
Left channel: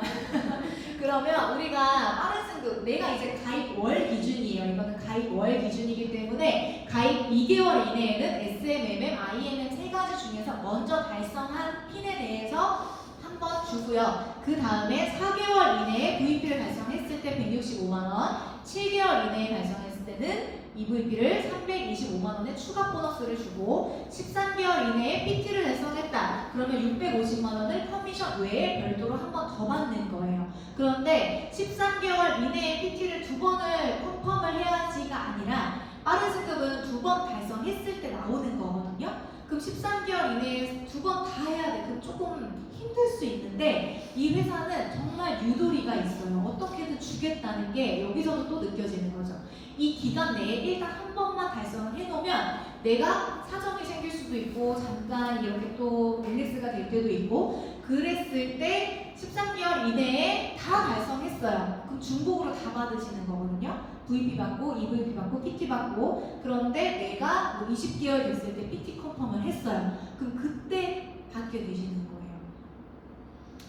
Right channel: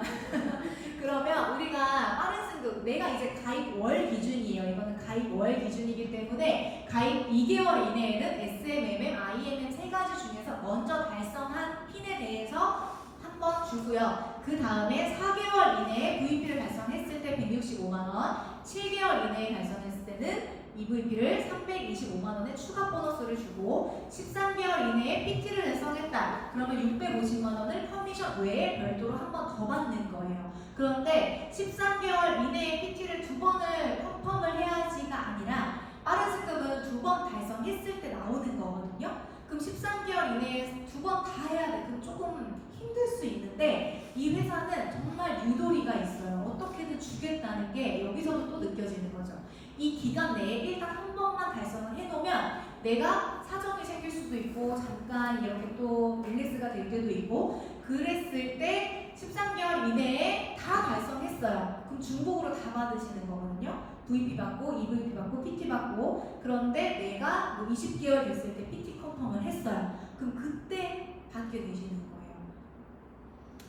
그러면 우리가 빠른 승급 내가 이제 가입 월 기준이에요. 이거는 가입 월 기준이기 때문에 가입 2개월 이내에는 SMMM, IMM 세 가지 중에서 먼저 달성한 핀에 대해서 한 번 주고요. 그 다음에 4개월 이내에 VP를 달성했을 때 165만 원, 7개월 이내에 달성했을 때는 EVP를 325만 원의 추가 보너스를 주고 13개월 이내에 PT를 달성했다. 그러면 650만 원을 커미션 외에 별도로 한 번 더 받는 거예요. 그런데 13개월 이내에 PT를 2번을 컨펌을 해야지가 아니라 빠른 승급은 2번 달성했을 때 나오는 거거든요. 그럼 13개월 이내에 2번 다 해야 돼. 그럼 조금 힘들 수 있는데 이 회사는 정말 유도리가 있어요. 어떻게든 주겠다는 게 여기서도 또 느껴지는 거죠. 이 기간 내에 일단 한 번만 달성을 해놓으면 내가 사정이 생길 수도 있고 잠깐 이렇게 또 릴리스가 될 때도 있고 그랬을 때 13개월 이내에 다 달성했어요. 그럼 중복으로 다 받으시는 거거든요. VP 받고, EVP 받고, PT 받고 그런데 내가 뭐 20개월 됐을 때 PT 컨펌을 했어요. 그럼 그때 받게 되시는 거예요.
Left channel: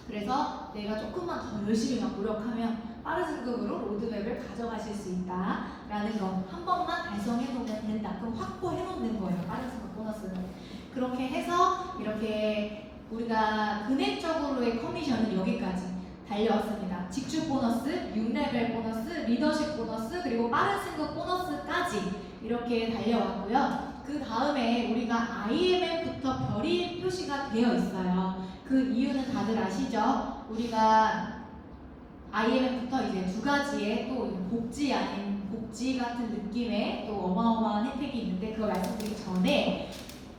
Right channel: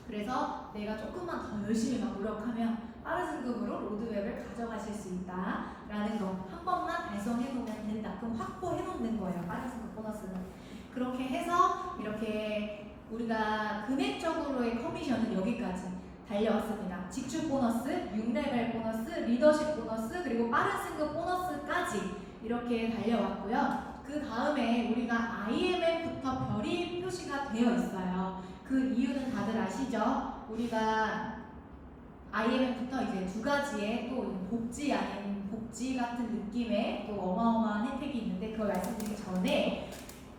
그래서 내가 조금만 더 열심히 막 노력하면 빠른 승급으로 로드맵을 가져가실 수 있다라는 거 한 번만 달성해 놓으면 된다. 그럼 확보해 놓는 거예요. 빠른 승급 보너스는. 그렇게 해서 이렇게 우리가 금액적으로의 커미션은 여기까지 달려왔습니다. 직축 보너스, 6레벨 보너스, 리더십 보너스, 그리고 빠른 승급 보너스까지 이렇게 달려왔고요. 그 다음에 우리가 IMF부터 별이 표시가 되어 있어요. 그 이유는 다들 아시죠? 우리가 IMF부터 이제 두 가지의 또 복지 아닌 복지 같은 느낌의 또 어마어마한 혜택이 있는데 그걸 말씀드리기 전에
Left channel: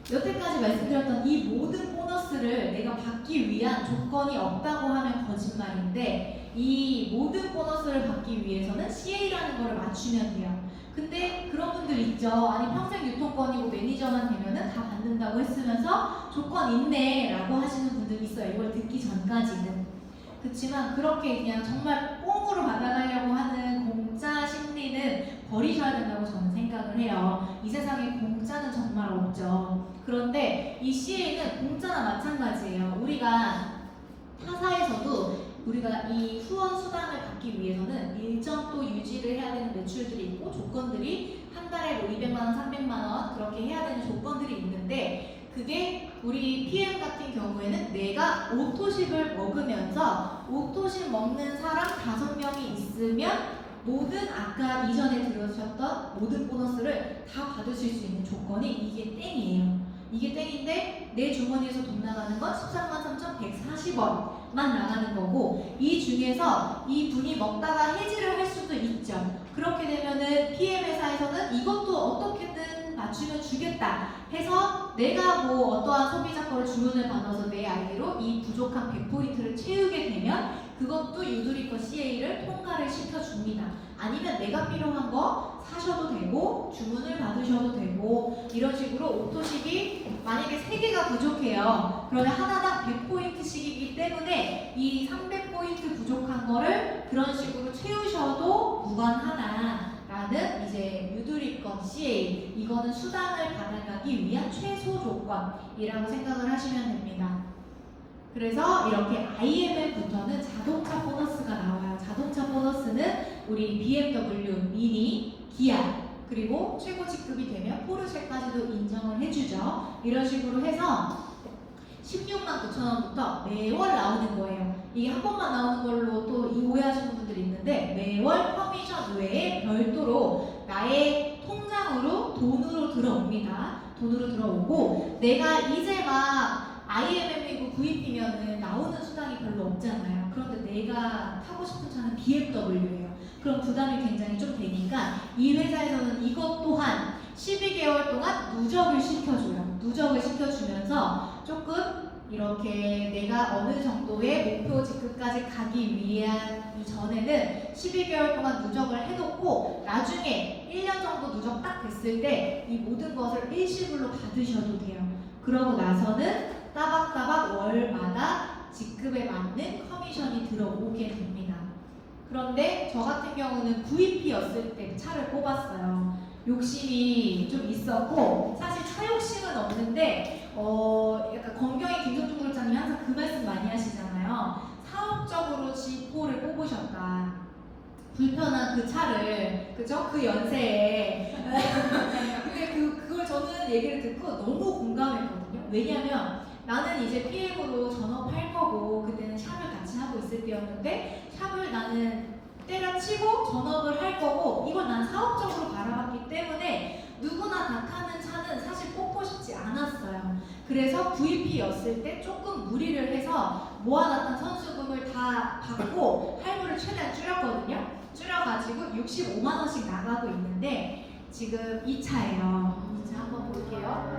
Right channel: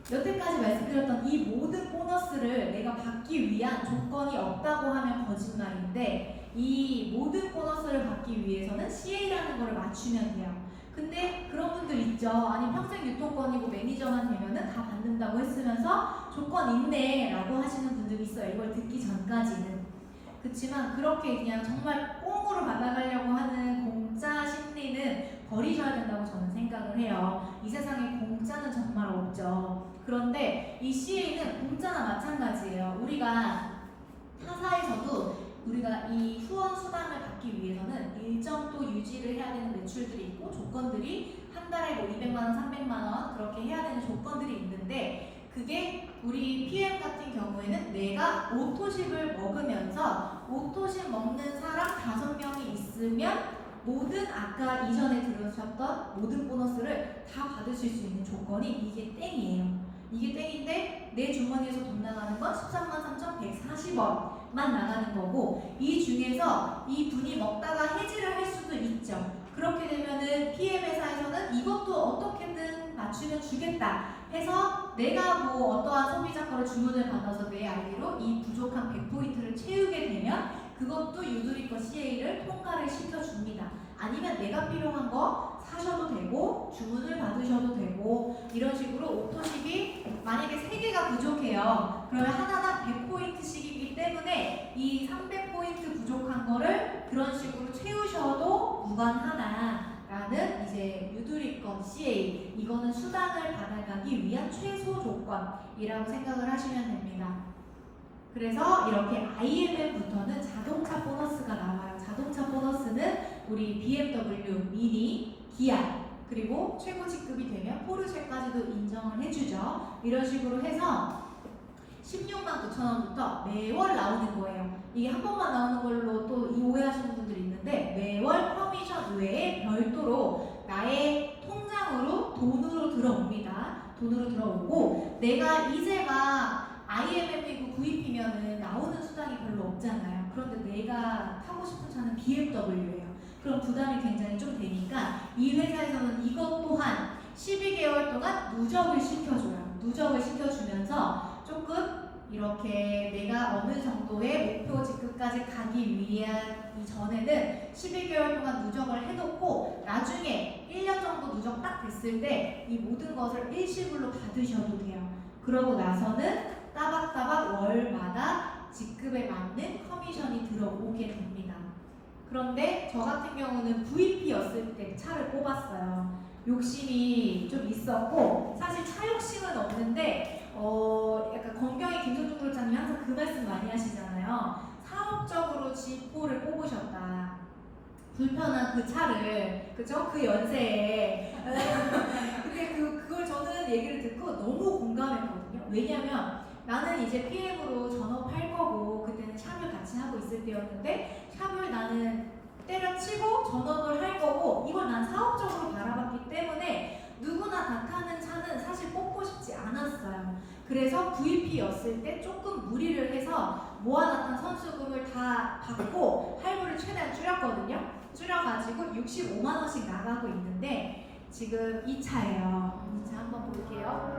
여태까지 말씀드렸던 이 모든 보너스를 내가 받기 위한 조건이 없다고 하면 거짓말인데 이 모든 보너스를 받기 위해서는 CA라는 거를 맞추면 돼요. 근데 그런 분들 있죠. 아니 평생 유통권이고 매니저만 되면은 다 받는다고 했으면서 조건 있네 라고 하시는 분들이 있어요. 이걸 듣기 전까지는. 그렇지만 그렇게 그냥 정말 꽁으로 받아가려고 하는 공짜 심리는 버리셔야 된다고 저는 생각을 해요. 이 세상에 공짜는 정말 없죠. 그런데 이 CA는 공짜나 마찬가지예요. 우리가 타사에서도 우리가 이 후원 수당을 받기 위해서는 일정 또 유지를 해야 되는 매출들이 있고 조건들이 한 달에 뭐 200만 원, 300만 원 그렇게 해야 되는 조건들이 있는데 그게 우리 PM 같은 경우에는 내가 오토식을 먹으면서 오토식 먹는 사람 5명이 있으면 모든 아까 이전에 들으셨던 모든 보너스를 다 받으실 수 있는 조건이 이게 땡이에요. 이게 땡인데 내 주머니에서 돈 나가는 건 13만 3,140원만 나가는 거고 이 중에서 이 분이 먹다가 해지를 할 수도 있죠. 그렇게 되면은 PM 회사에서는 이것도 어떻게든 맞추면 주겠다 해서 내가 뭐 어떠한 소비자 거를 주문을 받아서 내 아이디로 이 부족한 100포인트를 채우게 되면 그것도 유두리거 CA를 통과를 시켜줍니다. 아니면 내가 필요한 거 사셔도 되고 주문을 받으셔도 되고 이런 식으로 오토식이 만약에 3개가 부족해요. 그러면 하나당 100포인트씩이기 때문에 이 300포인트 부족한 거를 그런 식으로 채우셔도 무관하다라는 이제 유두리건 CA 이거는 수당을 받아가기 위한 최소 조건이라고 생각을 하시면 됩니다. 그래서 이렇게 IMF부터는 자동차 보너스가 나와요. 자동차 보너스는 우리 BMW, 미니, 기아 그리고 최고 직급이 되면 포르쉐까지도 인정을 해주죠. 이런 식으로 해서 16만 9천 원부터 매월 나오는 거예요. 이게 한 번만 나오는 걸로 또 오해하시는 분들이 있는데 매월 커미션 외에 별도로 나의 통장으로 돈으로 들어옵니다. 돈으로 들어오고 내가 이제 막 IMF이고 VP면은 나오는 수당이 별로 없잖아요. 그런데 내가 타고 싶은 차는 BMW예요. 그럼 부담이 굉장히 좀 되니까 이 회사에서는 이것 또한 12개월 동안 누적을 시켜줘요. 누적을 시켜주면서 조금 이렇게 내가 어느 정도의 목표 직급까지 가기 위한 이전에는 12개월 동안 누적을 해놓고 나중에 1년 정도 누적 딱 됐을 때 이 모든 것을 일시불로 받으셔도 돼요. 그러고 나서는 따박따박 월마다 직급에 맞는 커미션이 들어오게 됩니다. 그런데 저 같은 경우는 VP였을 때 차를 뽑았어요. 욕심이 좀 있었고 사실 차 욕심은 없는데 약간 건경이 김성중 부장님이 항상 그 말씀 많이 하시잖아요. 사업적으로 G4를 뽑으셨다. 불편한 그 차를 그죠? 그 연세에 근데 그걸 저는 얘기를 듣고 너무 공감했거든요. 왜냐면 나는 이제 PM으로 전업할 거고 그때는 샵을 같이 하고 있을 때였는데 샵을 나는 때려치고 전업을 할 거고 이걸 난 사업적으로 바라봤기 때문에 누구나 다 타는 차는 사실 뽑고 싶지 않았어요. 그래서 VP였을 때 조금 무리를 해서 모아놨던 선수금을 다 받고 할부를 최대한 줄였거든요. 줄여가지고 65만 원씩 나가고 있는데 지금 2차예요. 2차 한번 볼게요.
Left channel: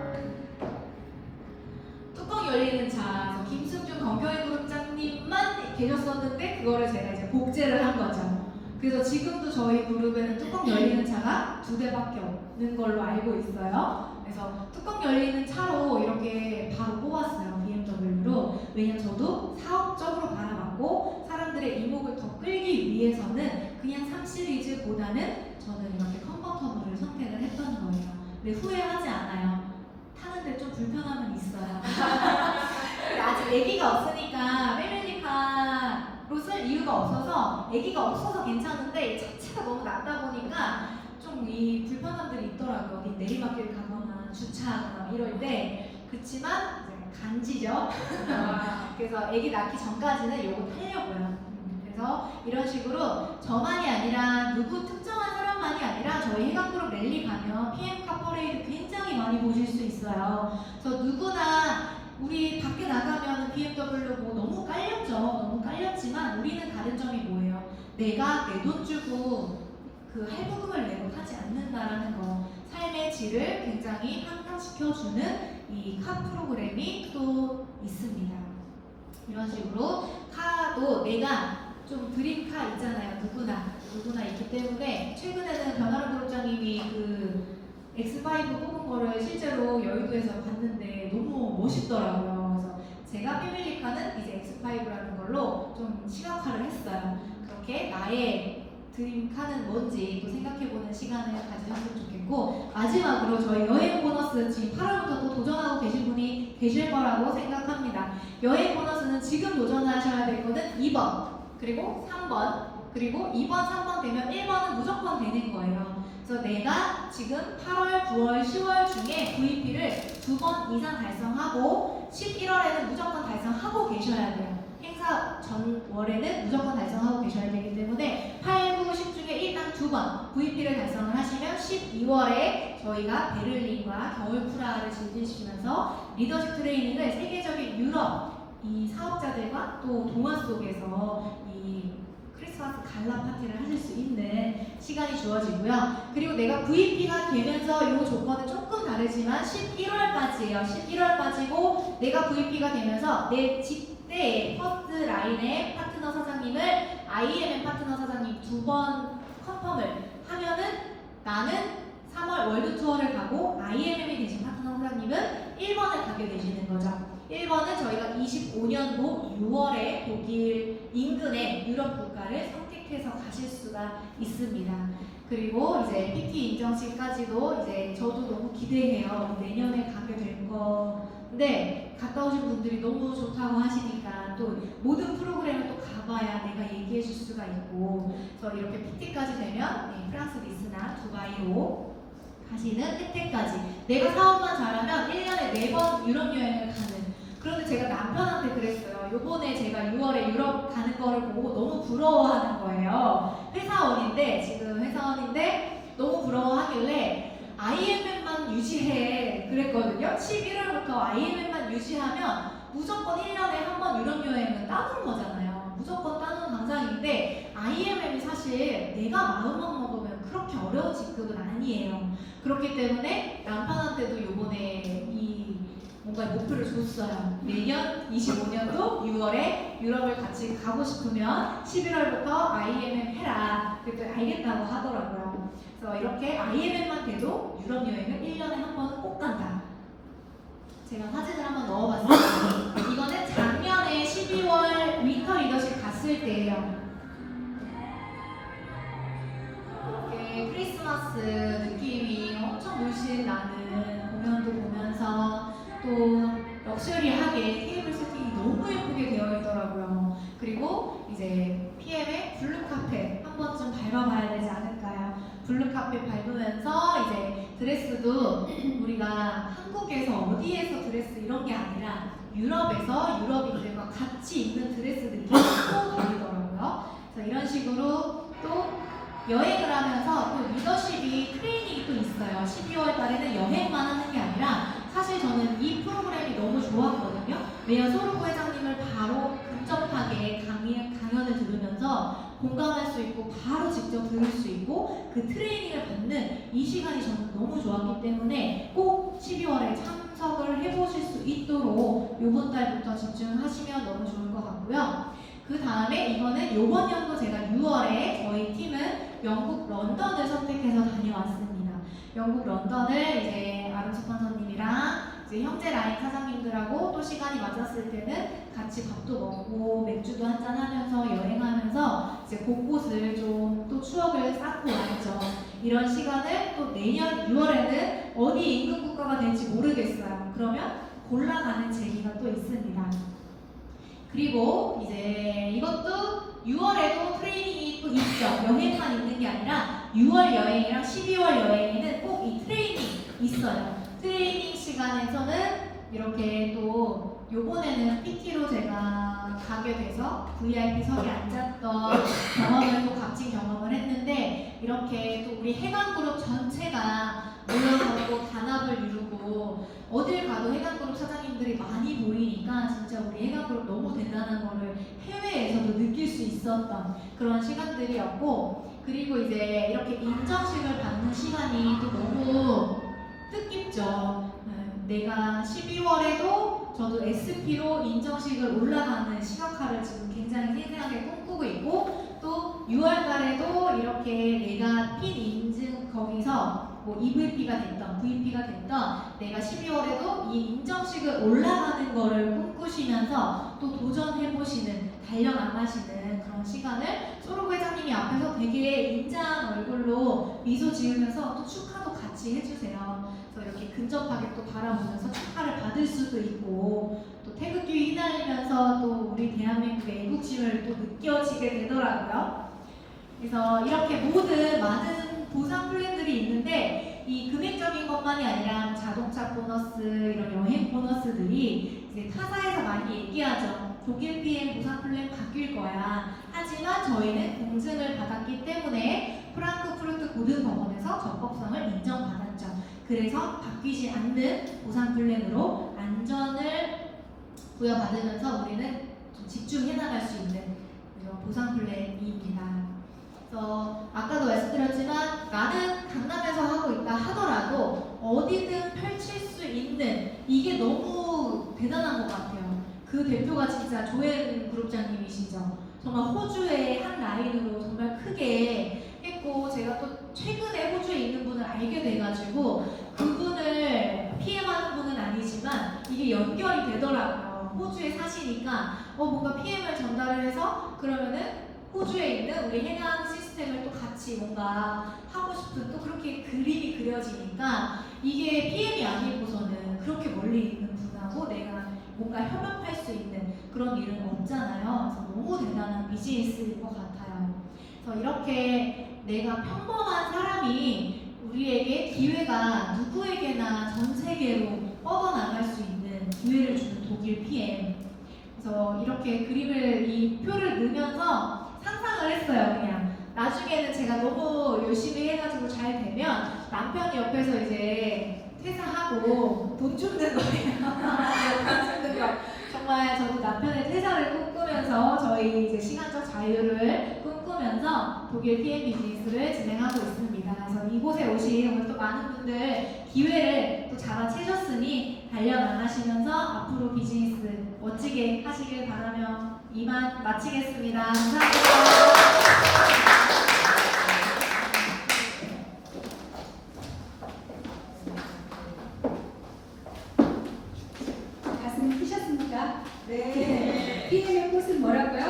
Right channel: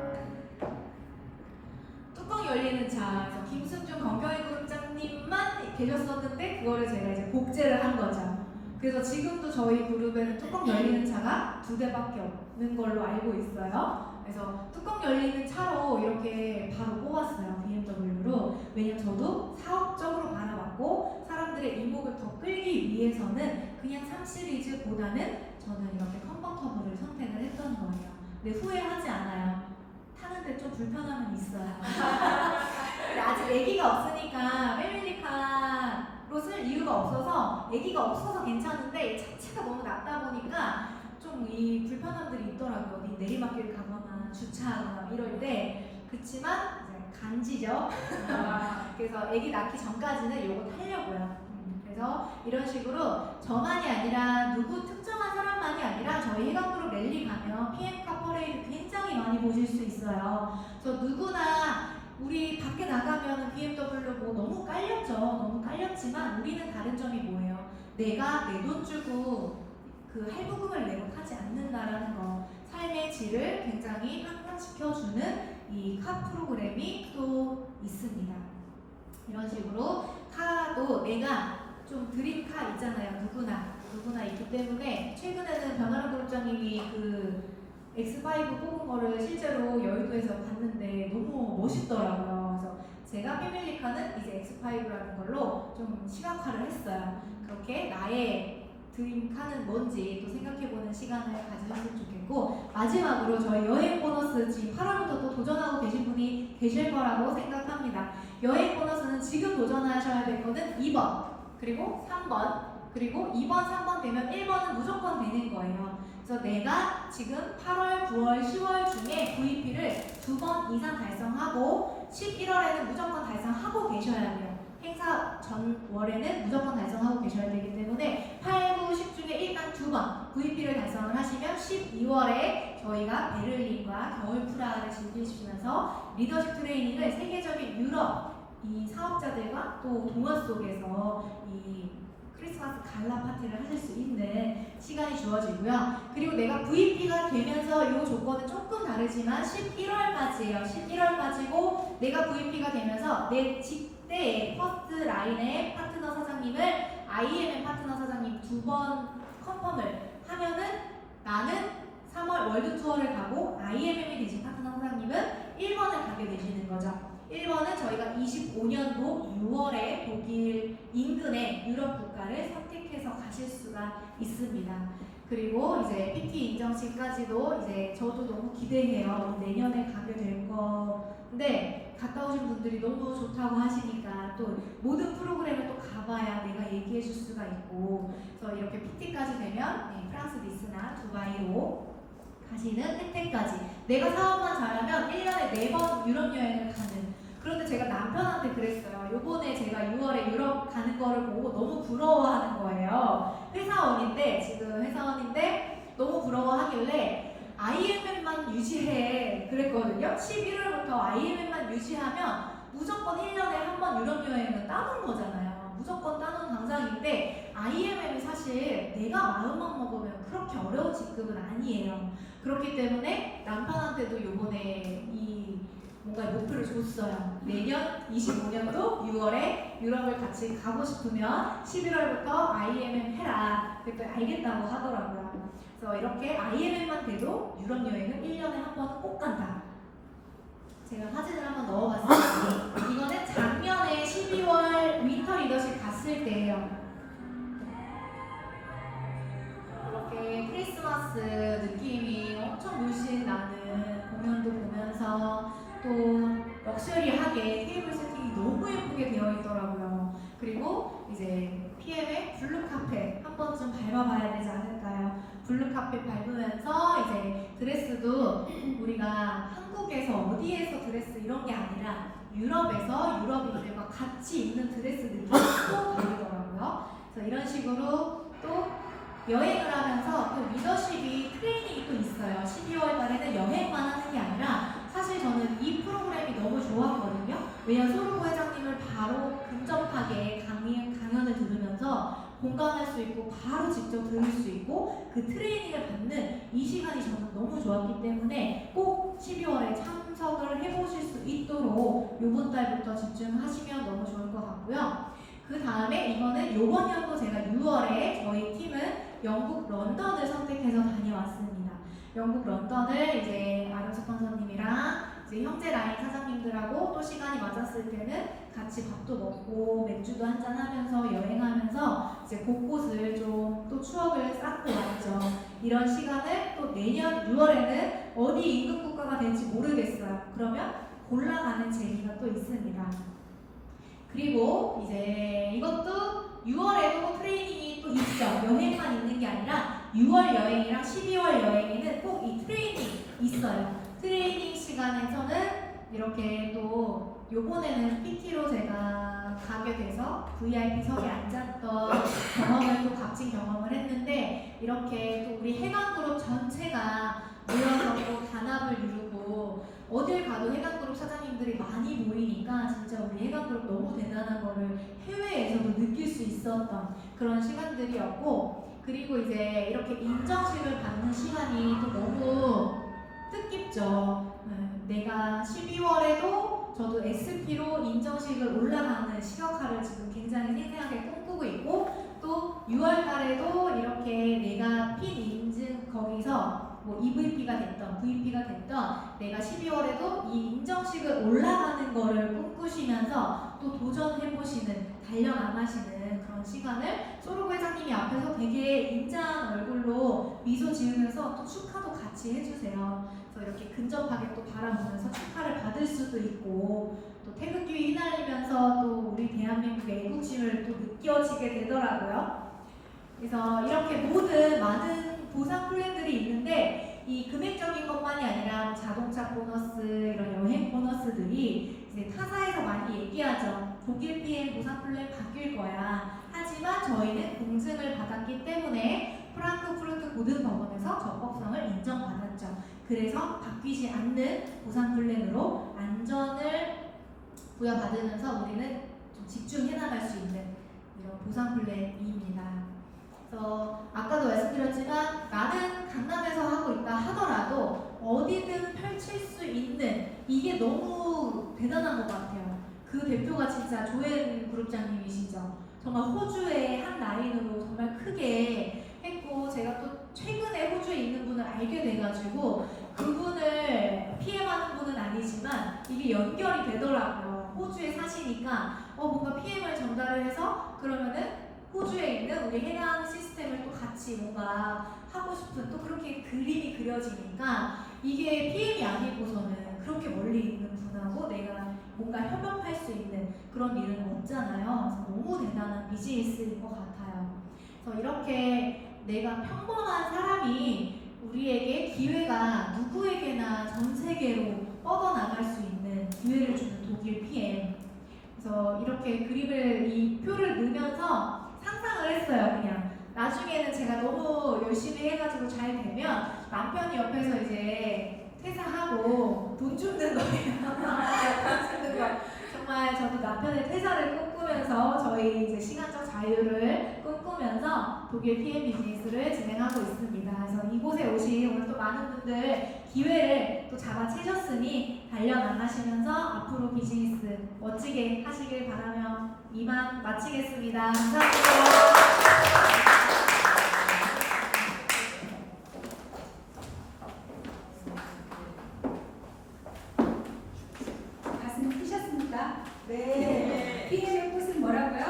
뚜껑 열리는 차, 김승준 건경희 그룹장님만 계셨었는데 그거를 제가 이제 복제를 한 거죠. 그래서 지금도 저희 그룹에는 뚜껑 열리는 차가 2대밖에 없는 걸로 알고 있어요. 그래서 뚜껑 열리는 차로 이렇게 바로 뽑았어요. BMW로. 왜냐면 저도 사업적으로 바라봤고 사람들의 이목을 더 끌기 위해서는 그냥 3시리즈보다는 저는 이렇게 컨버터블을 선택을 했던 거예요. 근데 후회하지 않아요. 타는데 좀 불편함은 있어요. 아직 아기가 없으니까 패밀리카로 쓸 이유가 없어서 아기가 없어서 괜찮은데 자체가 너무 낮다 보니까 좀 이 불편함들이 있더라고요. 어디 내리막길 가거나 주차하거나 이럴 때. 그치만 이제 간지죠. 그래서 아기 낳기 전까지는 이거 타려고요. 그래서 이런 식으로 저만이 아니라 누구 특정한 사람만이 아니라 저희 해강그룹 랠리 가면 PM 카퍼레이드 굉장히 많이 수 있어요. 그래서 누구나 우리 밖에 나가면 BMW 뭐 너무 깔렸죠. 너무 깔렸지만 우리는 다른 점이 뭐예요? 내가 내 돈 주고 그 할부금을 내고 타지 않는다라는 거. 삶의 질을 굉장히 향상시켜주는 이 카 프로그램이 또 있습니다. 이런 식으로 카도 내가 좀 드림카 있잖아요. 누구나 있기 때문에 최근에는 변화로 그룹장님이 그 X5 뽑은 거를 실제로 여의도에서 봤는데 너무 멋있더라고요. 그래서 제가 패밀리카는 이제 X5라는 걸로 좀 시각화를 했어요. 그렇게 나의 드림카는 뭔지 또 생각해보는 시간을 가지셨으면 좋겠고, 마지막으로 저희 여행 보너스 지금 8월부터 또 도전하고 계신 분이 계실 거라고 생각합니다. 여행 보너스는 지금 도전하셔야 될 거는 2번 그리고 3번 그리고 2번 3번 되면 1번은 무조건 되는 거예요. 그래서 내가 지금 8월, 9월, 10월 중에 VP를 2번 이상 달성하고 11월에는 무조건 달성하고 계셔야 돼요. 행사 전월에는 무조건 달성하고 계셔야 되기 때문에 8, 9, 10 중에 일단 2번 VP를 달성을 하시면 12월에 저희가 베를린과 겨울 프라하를 즐기시면서 리더십 트레이닝을 세계적인 유럽 이 사업자들과 또 동화 속에서 이 크리스마스 갈라 파티를 하실 수 있는 시간이 주어지고요. 그리고 내가 VP가 되면서 이 조건은 조금 다르지만 11월까지예요. 11월까지고 내가 VP가 되면서 내 직대의 퍼스트 라인의 파트너 사장님을 IMM 파트너 사장님 2번 컨펌을 하면은 나는 3월 월드 투어를 가고 IMM이 되신 파트너 사장님은 1번을 가게 되시는 거죠. 1번은 저희가 25년도 6월에 독일 인근의 유럽 국가를 선택해서 가실 수가 있습니다. 그리고 이제 PT 인정식까지도 이제 저도 너무 기대해요. 내년에 가게 될 건데 갔다 오신 분들이 너무 좋다고 하시니까 또 모든 프로그램을 또 가봐야 내가 얘기해 줄 수가 있고, 그래서 이렇게 PT까지 되면 프랑스 니스나 두바이로 가시는 혜택까지, 내가 사업만 잘하면 1년에 4번 유럽 여행을 가는. 그런데 제가 남편한테 그랬어요. 요번에 제가 6월에 유럽 가는 거를 보고 너무 부러워하는 거예요. 회사원인데 너무 부러워하길래 IMM만 유지해 그랬거든요. 11월부터 IMM만 유지하면 무조건 1년에 한 번 유럽 여행은 따는 거잖아요. 무조건 따는 당상인데 IMM이 사실 내가 마음만 먹으면 그렇게 어려운 직급은 아니에요. 그렇기 때문에 남편한테도 요번에 뭔가 목표를 줬어요. 내년 25년도 6월에 유럽을 같이 가고 싶으면 11월부터 IMM 해라. 그랬더니 알겠다고 하더라고요. 그래서 이렇게 IMM만 돼도 유럽 여행은 1년에 한 번은 꼭 간다. 제가 사진을 한번 넣어봤어요. 이거는 작년에 12월 윈터 리더십 갔을 때예요. 이렇게 크리스마스 느낌이 엄청 물씬 나는 공연도 보면서 또 럭셔리하게 테이블 세팅이 너무 예쁘게 되어 있더라고요. 그리고 이제 PM의 블루 카펫 한 번쯤 밟아봐야 되지 않을까요? 블루 카펫 밟으면서 이제 드레스도 우리가 한국에서 어디에서 드레스 이런 게 아니라 유럽에서 유럽인들과 같이 입는 드레스 느낌이 또 다르더라고요. 그래서 이런 식으로 또 여행을 하면서 또 리더십이 트레이닝이 또 있어요. 12월 달에는 여행만 하는 게 아니라 사실 저는 이 프로그램이 너무 좋았거든요. 왜냐면 소르고 회장님을 바로 근접하게 강연을 들으면서 공감할 수 있고 바로 직접 들을 수 있고 그 트레이닝을 받는 이 시간이 저는 너무 좋았기 때문에 꼭 12월에 참석을 해보실 수 있도록 이번 달부터 집중하시면 너무 좋을 것 같고요. 그 다음에 이거는 이번 연도 제가 6월에 저희 팀은 영국 런던을 선택해서 다녀왔습니다. 영국 런던을 이제 아름 스폰서님이랑 이제 형제 라인 사장님들하고 또 시간이 맞았을 때는 같이 밥도 먹고 맥주도 한잔 하면서 여행하면서 이제 곳곳을 좀 또 추억을 쌓고 왔죠. 이런 시간을 또 내년 6월에는 어디 인근 국가가 될지 모르겠어요. 그러면 골라가는 재미가 또 있습니다. 그리고 이제 이것도 6월에도 트레이닝이 또 있죠. 여행만 있는 게 아니라 6월 여행이랑 12월 여행에는 꼭 이 트레이닝 있어요. 트레이닝 시간에서는 이렇게 또 요번에는 PT로 제가 가게 돼서 VIP석에 앉았던 경험을 또 값진 경험을 했는데, 이렇게 또 우리 해관그룹 전체가 모여서 단합을 이루고 진짜 우리 해강그룹 너무 대단한 거를 해외에서도 느낄 수 있었던 그런 시간들이었고, 그리고 이제 이렇게 인정식을 받는 시간이 또 너무 뜻깊죠. 내가 12월에도 저도 SP로 인정식을 올라가는 시각화를 지금 굉장히 생생하게 꿈꾸고 있고, 또 6월 달에도 이렇게 내가 핀 인증 거기서 뭐 EVP가 됐던 VP가 됐던 내가 12월에도 이 인정식을 올라가는 거를 꿈꾸시면서 또 도전해보시는, 달려나가시는 그런 시간을 소르고 회장님이 앞에서 되게 인자한 얼굴로 미소 지으면서 또 축하도 같이 해주세요. 그래서 이렇게 근접하게 또 바라보면서 축하를 받을 수도 있고, 또 태극기 휘날리면서 또 우리 대한민국의 애국심을 또 느껴지게 되더라고요. 그래서 이렇게 모든 많은 보상 플랜들이 있는데, 이 금액적인 것만이 아니라 자동차 보너스, 이런 여행 보너스들이 이제 타사에서 많이 얘기하죠. 독일 PM 보상 플랜 바뀔 거야. 하지만 저희는 공증을 받았기 때문에 프랑크푸르트 고등법원에서 적법성을 인정받았죠. 그래서 바뀌지 않는 보상 플랜으로 안전을 부여받으면서 우리는 좀 집중해 나갈 수 있는 이런 보상 플랜입니다. 그래서 아까도 말씀드렸지만 나는 강남에서 하고 있다 하더라도 어디든 펼칠 수 있는, 이게 너무 대단한 것 같아요. 그 대표가 진짜 조엔 그룹장님이시죠. 정말 호주의 한 라인으로 정말 크게 했고, 제가 또 최근에 호주에 있는 분을 알게 돼가지고 그분을 PM하는 분은 아니지만 이게 연결이 되더라고요. 호주에 사시니까 뭔가 PM을 전달을 해서 그러면은 호주에 있는 우리 해당 시스템을 또 같이 뭔가 하고 싶은, 또 그렇게 그림이 그려지니까 이게 PM이 아니고서는 그렇게 멀리 있는 분하고 내가 뭔가 협업할 수 있는 그런 일은 없잖아요. 그래서 너무 대단한 비즈니스일 것 같아요. 그래서 이렇게 내가 평범한 사람이 우리에게 기회가 누구에게나 전 세계로 뻗어나갈 수 있는 기회를 주는 독일 PM. 그래서 이렇게 그림을, 이 표를 넣으면서 상상을 했어요. 그냥 나중에는 제가 너무 열심히 해가지고 잘 되면 남편이 옆에서 이제 퇴사하고 돈 줍는 거예요. 돈 줍는 거. 정말 저도 남편의 퇴사를 꿈꾸면서 저희 이제 시간적 자유를 꿈꾸면서 독일 PM 비즈니스를 진행하고 있습니다. 그래서 이곳에 오신 오늘 또 많은 분들 기회를 또 잡아채셨으니 달려나가시면서 앞으로 비즈니스 멋지게 하시길 바라며 이만 마치겠습니다. 감사합니다. 가슴 크셨습니까? 네. PM의 꽃은 뭐라고요?